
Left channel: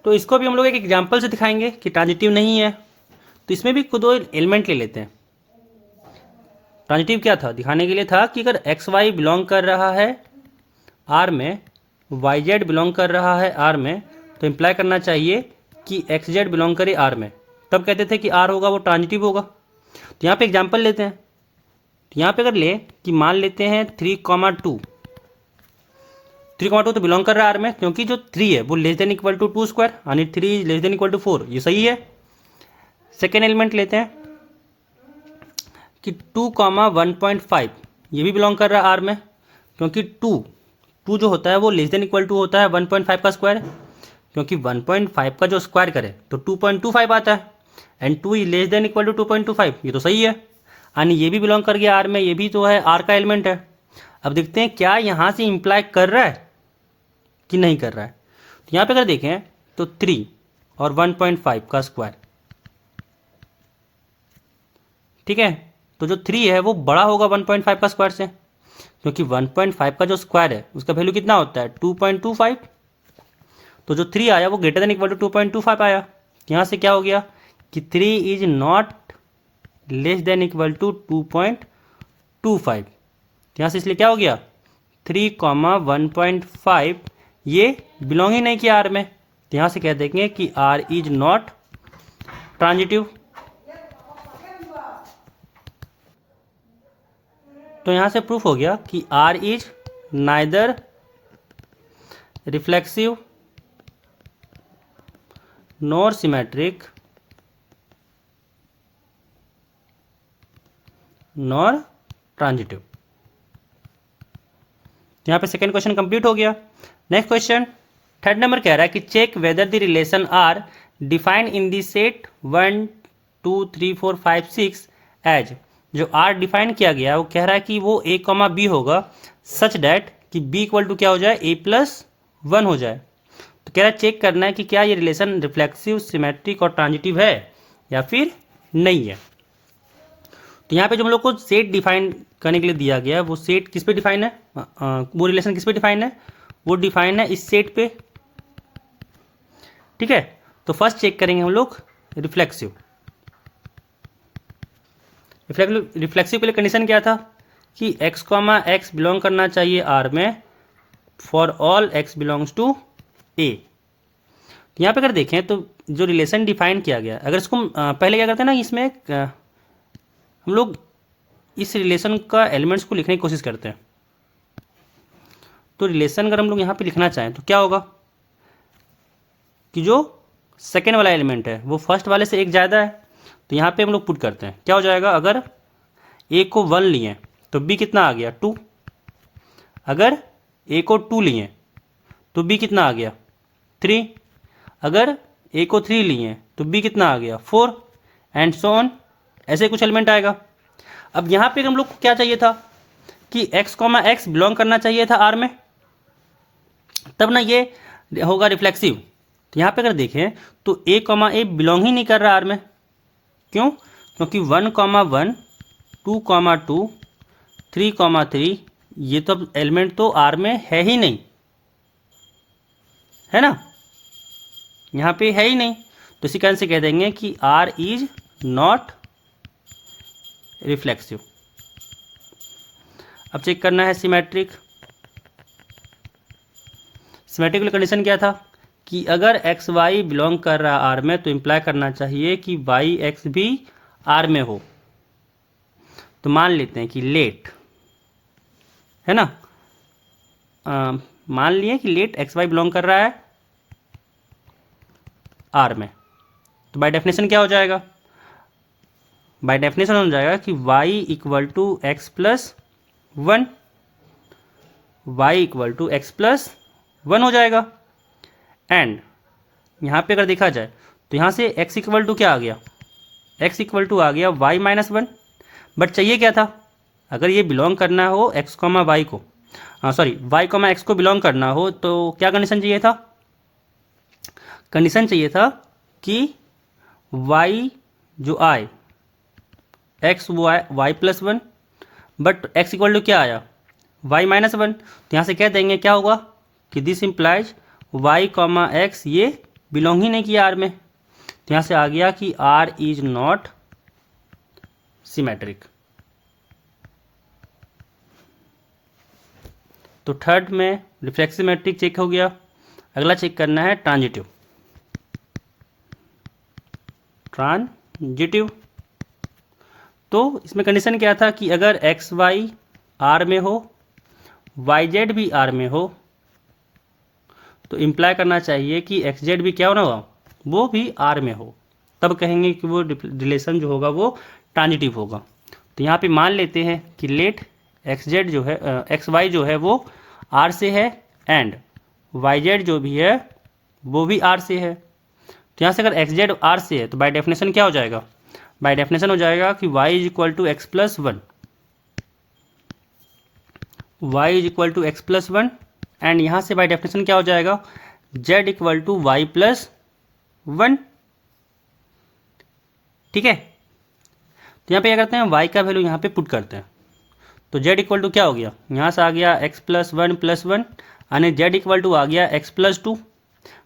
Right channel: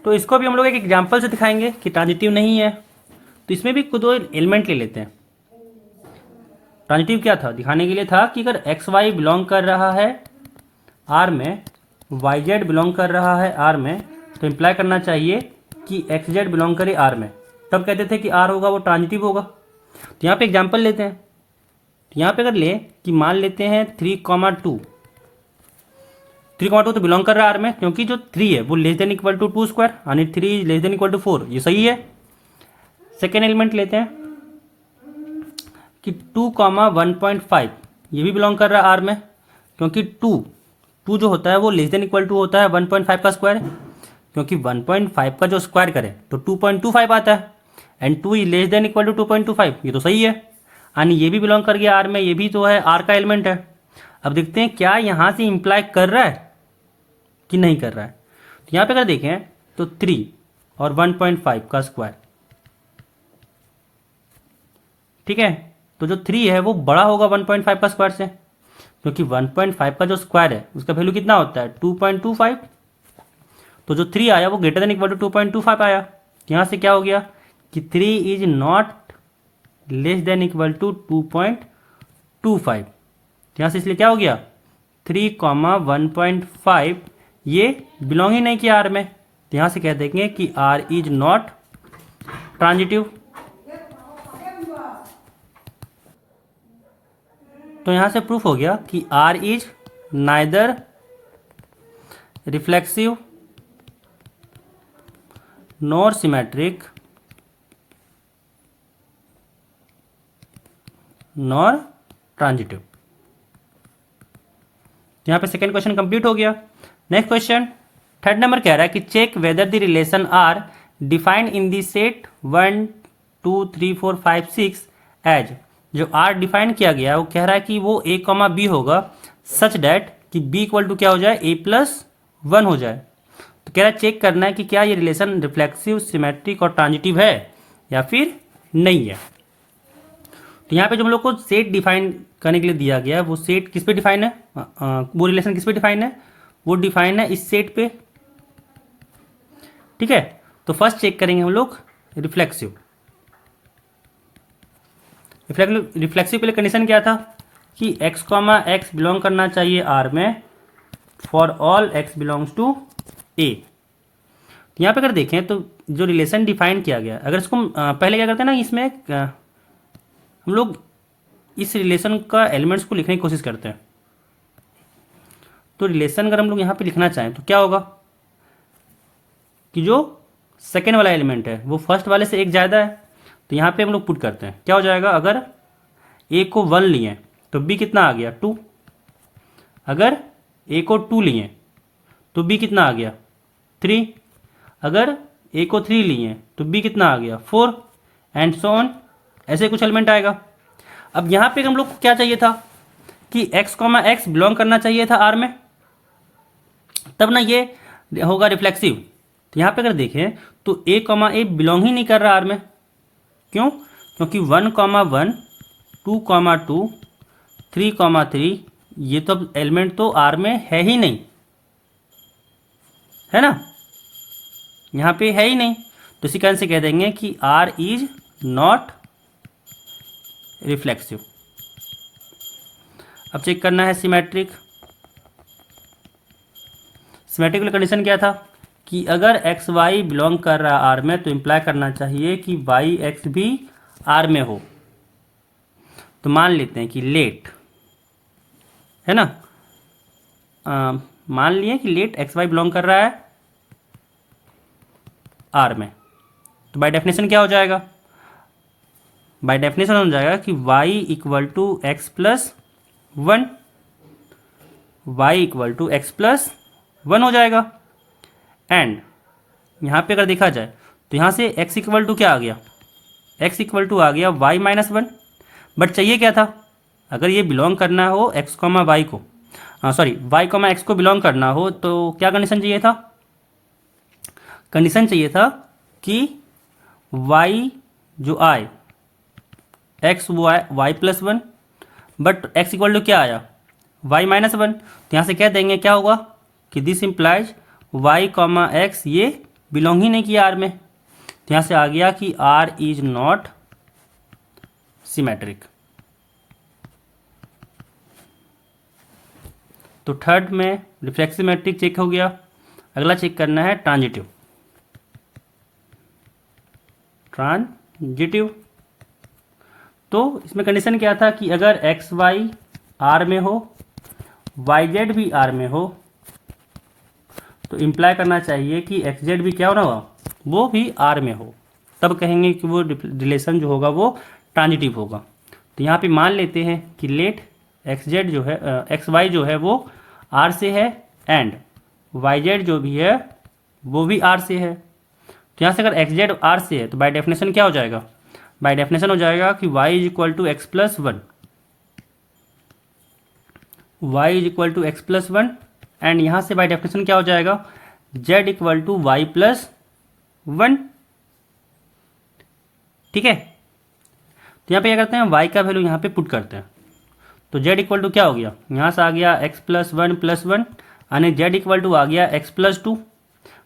तो इसको भी हम लोग एक एग्जांपल से दिखाएंगे कि ट्रांजिटिव नहीं है। तो इसमें भी दो एलिमेंट ले लेते हैं। ट्रांजिटिव क्या था, दिखाने के लिए था कि अगर एक्स वाई बिलोंग कर रहा है आर में, वाई जेड बिलोंग कर रहा है आर में, तो इम्प्लाई करना चाहिए कि एक्स जेड बिलोंग करे आर में, तब कहते थे कि आर होगा वो ट्रांजिटिव होगा। तो यहाँ पे एग्जांपल लेते हैं। तो यहाँ पे अगर ले कि मान लेते हैं 3,2 तो बिलोंग कर रहा है आर में, क्योंकि जो 3 है वो less than equal to 2 square, यानी 3 लेस देन इक्वल टू 4, ये सही है। सेकेंड एलिमेंट लेते हैं कि 2,1.5 ये भी बिलोंग कर रहा है आर में, क्योंकि 2 जो होता है वो लेस देन इक्वल टू होता है 1.5 का स्क्वायर, क्योंकि 1.5 का जो स्क्वायर करें तो 2.25 आता है, and 2 is less than equal to 2.25, ये तो सही है, यानी ये भी बिलोंग कर गया आर में, ये भी तो है आर का एलिमेंट है। अब देखते हैं क्या यहाँ से इम्प्लाई कर रहा है कि नहीं कर रहा है। तो यहाँ पे अगर देखें तो 3 और 1.5 का स्क्वायर, ठीक है, तो जो 3 है वो बड़ा होगा 1.5 का स्क्वायर से, क्योंकि 1.5 का जो स्क्वायर है उसका वैल्यू कितना होता है 2.25, तो जो 3 आया वो ग्रेटर देन इक्वल टू 2.25 आया। तो यहाँ से क्या हो गया कि 3 is not less than equal to 2.25। यहाँ से इसलिए क्या हो गया 3,1.5 ये बिलोंग ही नहीं किया आर में। तो यहाँ से कह देंगे कि आर इज नॉट ट्रांजिटिव। तो यहाँ से प्रूफ हो गया कि R is neither reflexive nor symmetric nor transitive. यहाँ पे सेकेंड क्वेश्चन कंप्लीट हो गया। नेक्स्ट क्वेश्चन थर्ड नंबर कह रहा है कि check whether the relation R defined in the set 1 2 3 4 5 6 as, जो आर डिफाइन किया गया है वो कह रहा है कि वो a, b होगा सच डैट कि b इक्वल टू क्या हो जाए a+1 हो जाए। तो कह रहा है चेक करना है कि क्या ये रिलेशन रिफ्लेक्सिव सिमेट्रिक और ट्रांजिटिव है या फिर नहीं है। तो यहाँ पे जो हम लोग को सेट डिफाइन करने के लिए दिया गया है वो सेट किस पे डिफाइन है, वो रिलेशन किस पे डिफाइन है, वो डिफाइन है इस सेट पे। ठीक है, तो फर्स्ट चेक करेंगे हम लोग रिफ्लेक्सिव। रिफ्लेक्सिव के लिए कंडीशन क्या था कि x कॉमा एक्स बिलोंग करना चाहिए R में for all x belongs to A। यहाँ पे अगर देखें तो जो रिलेशन डिफाइन किया गया, अगर इसको पहले क्या करते हैं ना, इसमें हम लोग इस रिलेशन का एलिमेंट्स को लिखने की कोशिश करते हैं। तो रिलेशन अगर हम लोग यहाँ पे लिखना चाहें तो क्या होगा कि जो सेकेंड वाला एलिमेंट है वो फर्स्ट वाले से एक ज़्यादा है, तो यहाँ पे हम लोग पुट करते हैं। क्या हो जाएगा, अगर ए को 1 लिए तो बी कितना आ गया 2, अगर ए को 2 लिए तो बी कितना आ गया 3, अगर ए को 3 लिए तो बी कितना आ गया 4 एंड सो ऑन, ऐसे कुछ एलिमेंट आएगा। अब यहाँ पे हम लोग को क्या चाहिए था कि x कॉमा एक्स बिलोंग करना चाहिए था R में, तब ना ये होगा रिफ्लेक्सिव। तो यहाँ पे अगर देखें तो a कॉमा ए बिलोंग ही नहीं कर रहा R में। क्यों? क्योंकि 1 कॉमा 1, 2 कॉमा 2, 3 कॉमा 3 ये तो एलिमेंट तो R में है ही नहीं, है ना, यहाँ पे है ही नहीं। तो इसी कारण से कह देंगे कि R इज नॉट रिफ्लेक्सिव। अब चेक करना है सिमेट्रिक। सिमेट्रिक वाली कंडीशन क्या था कि अगर एक्स वाई बिलोंग कर रहा है आर में तो इम्प्लाई करना चाहिए कि वाई एक्स भी आर में हो। तो मान लेते हैं कि लेट, है ना, मान लिए कि लेट एक्स वाई बिलोंग कर रहा है आर में, तो बाय डेफिनेशन क्या हो जाएगा, बाय डेफिनेशन हो जाएगा कि y equal to x plus 1, y equal to x plus 1 हो जाएगा। एंड यहाँ पे अगर देखा जाए तो यहाँ से x इक्वल टू क्या आ गया, x इक्वल टू आ गया y माइनस 1। बट चाहिए क्या था, अगर ये बिलोंग करना हो x कॉमा वाई को, सॉरी y कॉमा एक्स को बिलोंग करना हो तो क्या कंडीशन चाहिए था, कंडीशन चाहिए था कि y जो आए x y plus 1, but x equal to क्या आया y माइनस 1। तो यहाँ से कह देंगे क्या होगा कि this implies y comma x ये बिलोंग ही नहीं किया R में। तो यहाँ से आ गया कि R इज नॉट सिमेट्रिक। तो थर्ड में रिफ्लेक्सिव मैट्रिक चेक हो गया। अगला चेक करना है ट्रांजिटिव। ट्रांजिटिव तो इसमें कंडीशन क्या था कि अगर एक्स वाई आर में हो, वाई जेड भी आर में हो, तो इम्प्लाई करना चाहिए कि एक्स जेड भी क्या होना होगा, वो भी आर में हो, तब कहेंगे कि वो रिलेशन जो होगा वो ट्रांजिटिव होगा। तो यहाँ पे मान लेते हैं कि लेट एक्स जेड जो है, एक्स वाई जो है वो आर से है एंड वाई जेड जो भी है वो भी आर से है। तो यहाँ से अगर एक्स जेड आर से है तो बाय डेफिनेशन क्या हो जाएगा, बाय डेफिनेशन हो जाएगा कि y is equal to x plus 1, y is equal to x plus 1 and यहाँ से बाय डेफिनेशन क्या हो जाएगा, z equal to y plus 1। ठीक है, तो यहाँ पे क्या करते हैं, y का वैल्यू यहाँ पे पुट करते हैं। तो z इक्वल टू क्या हो गया, यहाँ से आ गया x प्लस 1 प्लस 1 यानी z इक्वल टू आ गया x प्लस 2।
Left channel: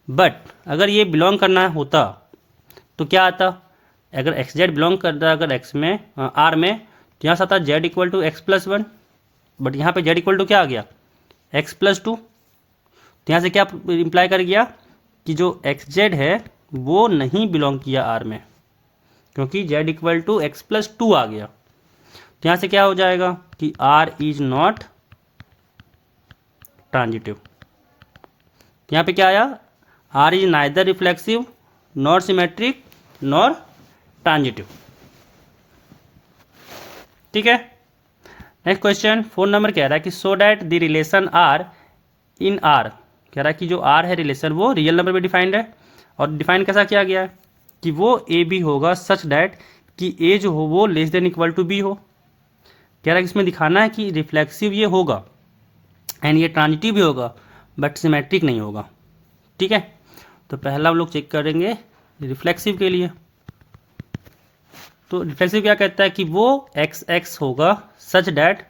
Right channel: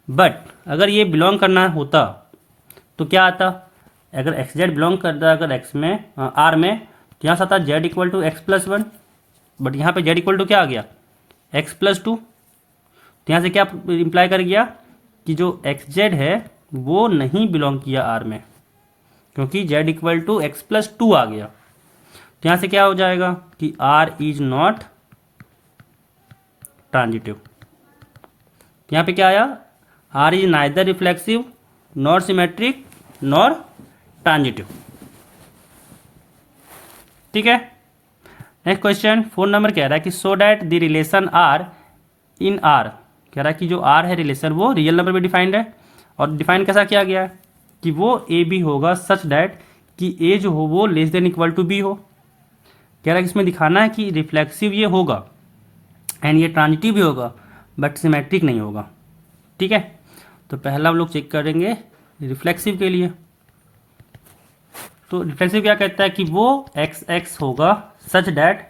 बट अगर ये बिलोंग करना होता तो क्या आता, अगर एक्स जेड बिलोंग करता है अगर एक्स में आर में तो यहाँ से आता z equal to x plus 1, but यहाँ पे जेड इक्वल टू क्या आ गया एक्स प्लस 2। तो यहाँ से क्या इम्प्लाई कर गया कि जो एक्स जेड है वो नहीं बिलोंग किया आर में, क्योंकि z equal to x plus 2 आ गया। तो यहाँ से क्या हो जाएगा कि आर इज नॉट ट्रांजिटिव। तो यहाँ पे क्या आया, R is neither reflexive nor symmetric nor transitive. ठीक है, नेक्स्ट क्वेश्चन 4 नंबर कह रहा है कि so that the relation R in R, कह रहा है कि जो आर है रिलेशन वो रियल नंबर में डिफाइंड है, और डिफाइन कैसा किया गया है कि वो ए बी होगा सच डैट कि ए जो हो वो less than equal to B हो। कह रहा है कि इसमें दिखाना है कि रिफ्लेक्सिव ये होगा एंड ये ट्रांजिटिव भी होगा बट सिमेट्रिक नहीं होगा। ठीक है, तो पहला हम लोग चेक करेंगे रिफ्लेक्सिव के लिए। तो रिफ्लेक्सिव क्या कहता है कि वो एक्स एक्स होगा सच डैट,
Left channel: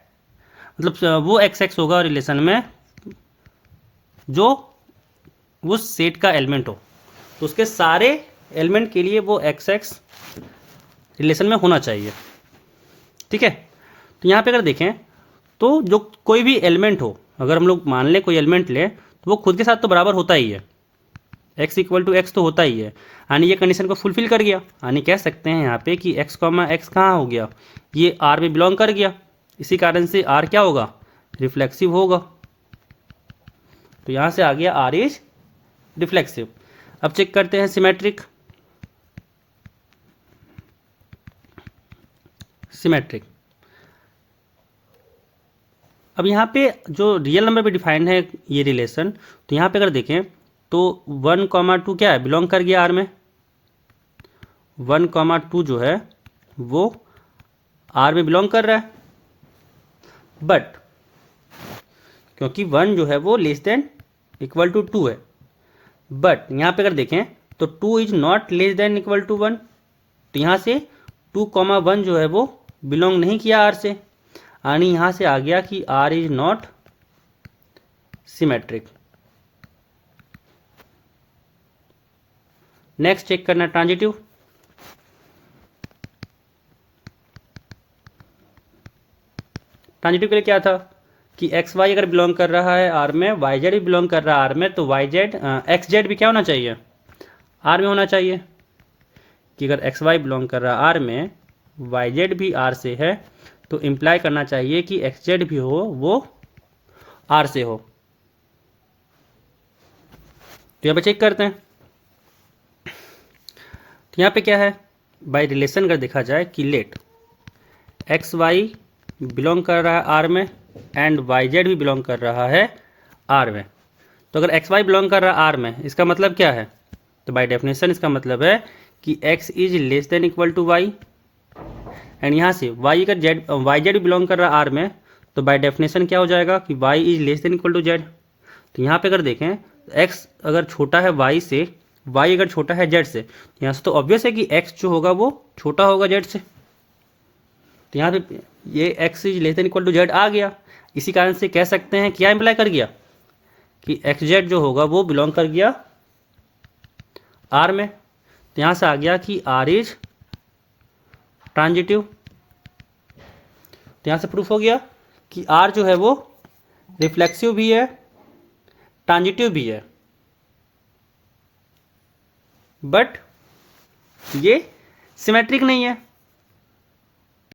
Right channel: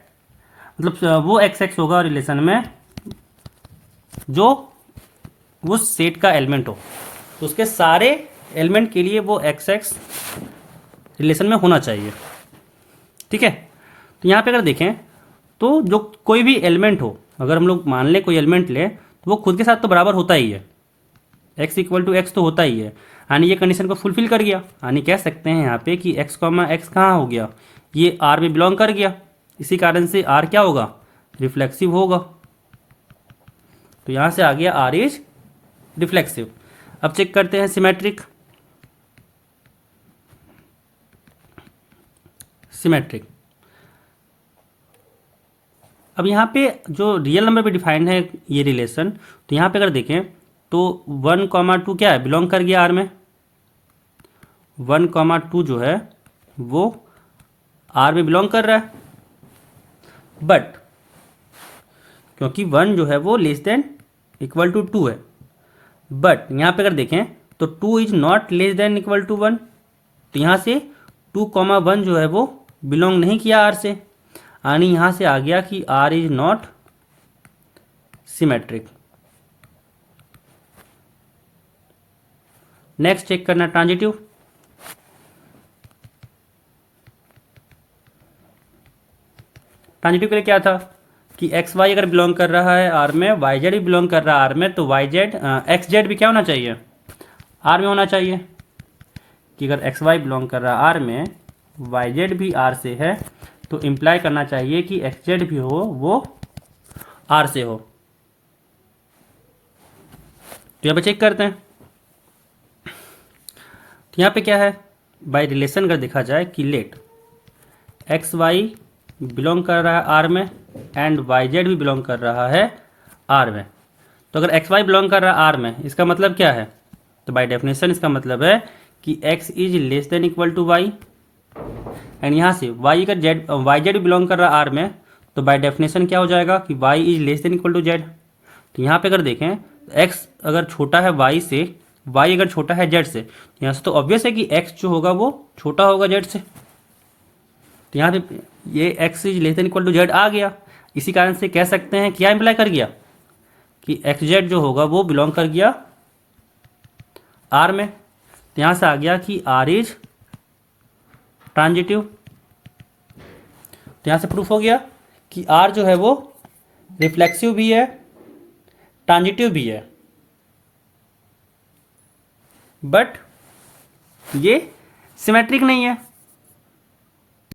मतलब वो एक्स एक्स होगा रिलेशन में जो उस सेट का एलिमेंट हो, तो उसके सारे एलिमेंट के लिए वो एक्स एक्स रिलेशन में होना चाहिए। ठीक है। तो यहाँ पे अगर देखें तो जो कोई भी एलिमेंट हो, अगर हम लोग मान लें कोई एलिमेंट लें तो वो खुद के साथ तो बराबर होता ही है, x इक्वल टू एक्स तो होता ही है, यानी ये कंडीशन को फुलफिल कर गया, यानी कह सकते हैं यहाँ पे कि x कॉमा एक्स कहाँ हो गया, ये R में बिलोंग कर गया, इसी कारण से R क्या होगा, रिफ्लेक्सिव होगा। तो यहाँ से आ गया R इज रिफ्लेक्सिव। अब चेक करते हैं सिमेट्रिक। सिमेट्रिक, अब यहाँ पे जो रियल नंबर पे डिफाइंड है ये रिलेशन, तो यहाँ पे अगर देखें तो 1,2 क्या है, बिलोंग कर गया R में। 1,2 जो है वो R में बिलोंग कर रहा है, बट क्योंकि 1 जो है वो लेस देन इक्वल टू 2 है, बट यहाँ पे अगर देखें तो 2 is not less than equal to 1, तो यहाँ से 2,1 जो है वो बिलोंग नहीं किया R से, यानी यहाँ से आ गया कि R is not symmetric. Next check करना ट्रांजिटिव। ट्रांजिटिव के लिए क्या था कि एक्स वाई अगर बिलोंग कर रहा है आर में, वाई जेड भी बिलोंग कर रहा है आर में, तो वाई जेड एक्स जेड भी क्या होना चाहिए, आर में होना चाहिए। कि अगर एक्स वाई बिलोंग कर रहा है आर में, वाई जेड भी आर से है, तो इम्प्लाई करना चाहिए कि एक्स जेड भी हो वो आर से हो। तो यहाँ पे चेक करते हैं, तो यहाँ पे क्या है, बाय रिलेशन अगर देखा जाए कि लेट एक्स वाई बिलोंग कर रहा है आर में एंड वाई जेड भी बिलोंग कर रहा है आर में, तो अगर एक्स वाई बिलोंग कर रहा है आर में, इसका मतलब क्या है, तो बाय डेफिनेशन इसका मतलब है कि x is less than equal to y, and यहाँ से वाई अगर जेड वाई जेड भी बिलोंग कर रहा है आर में, तो बाय डेफिनेशन क्या हो जाएगा कि y is less than equal to z. तो यहाँ पे अगर देखें एक्स अगर छोटा है वाई से, वाई अगर छोटा है जेड से, तो यहाँ से तो ऑब्वियस है कि एक्स जो होगा वो छोटा होगा जेड से, तो यहाँ पे ये x is less than equal to z आ गया। इसी कारण से कह सकते हैं क्या इंप्लाई कर गया कि एक्स जेड जो होगा वो बिलोंग कर गया आर में, तो यहाँ से आ गया कि आर इज ट्रांजिटिव। तो यहाँ से प्रूफ हो गया कि आर जो है वो रिफ्लेक्सिव भी है, ट्रांजिटिव भी है, बट ये सिमेट्रिक नहीं है।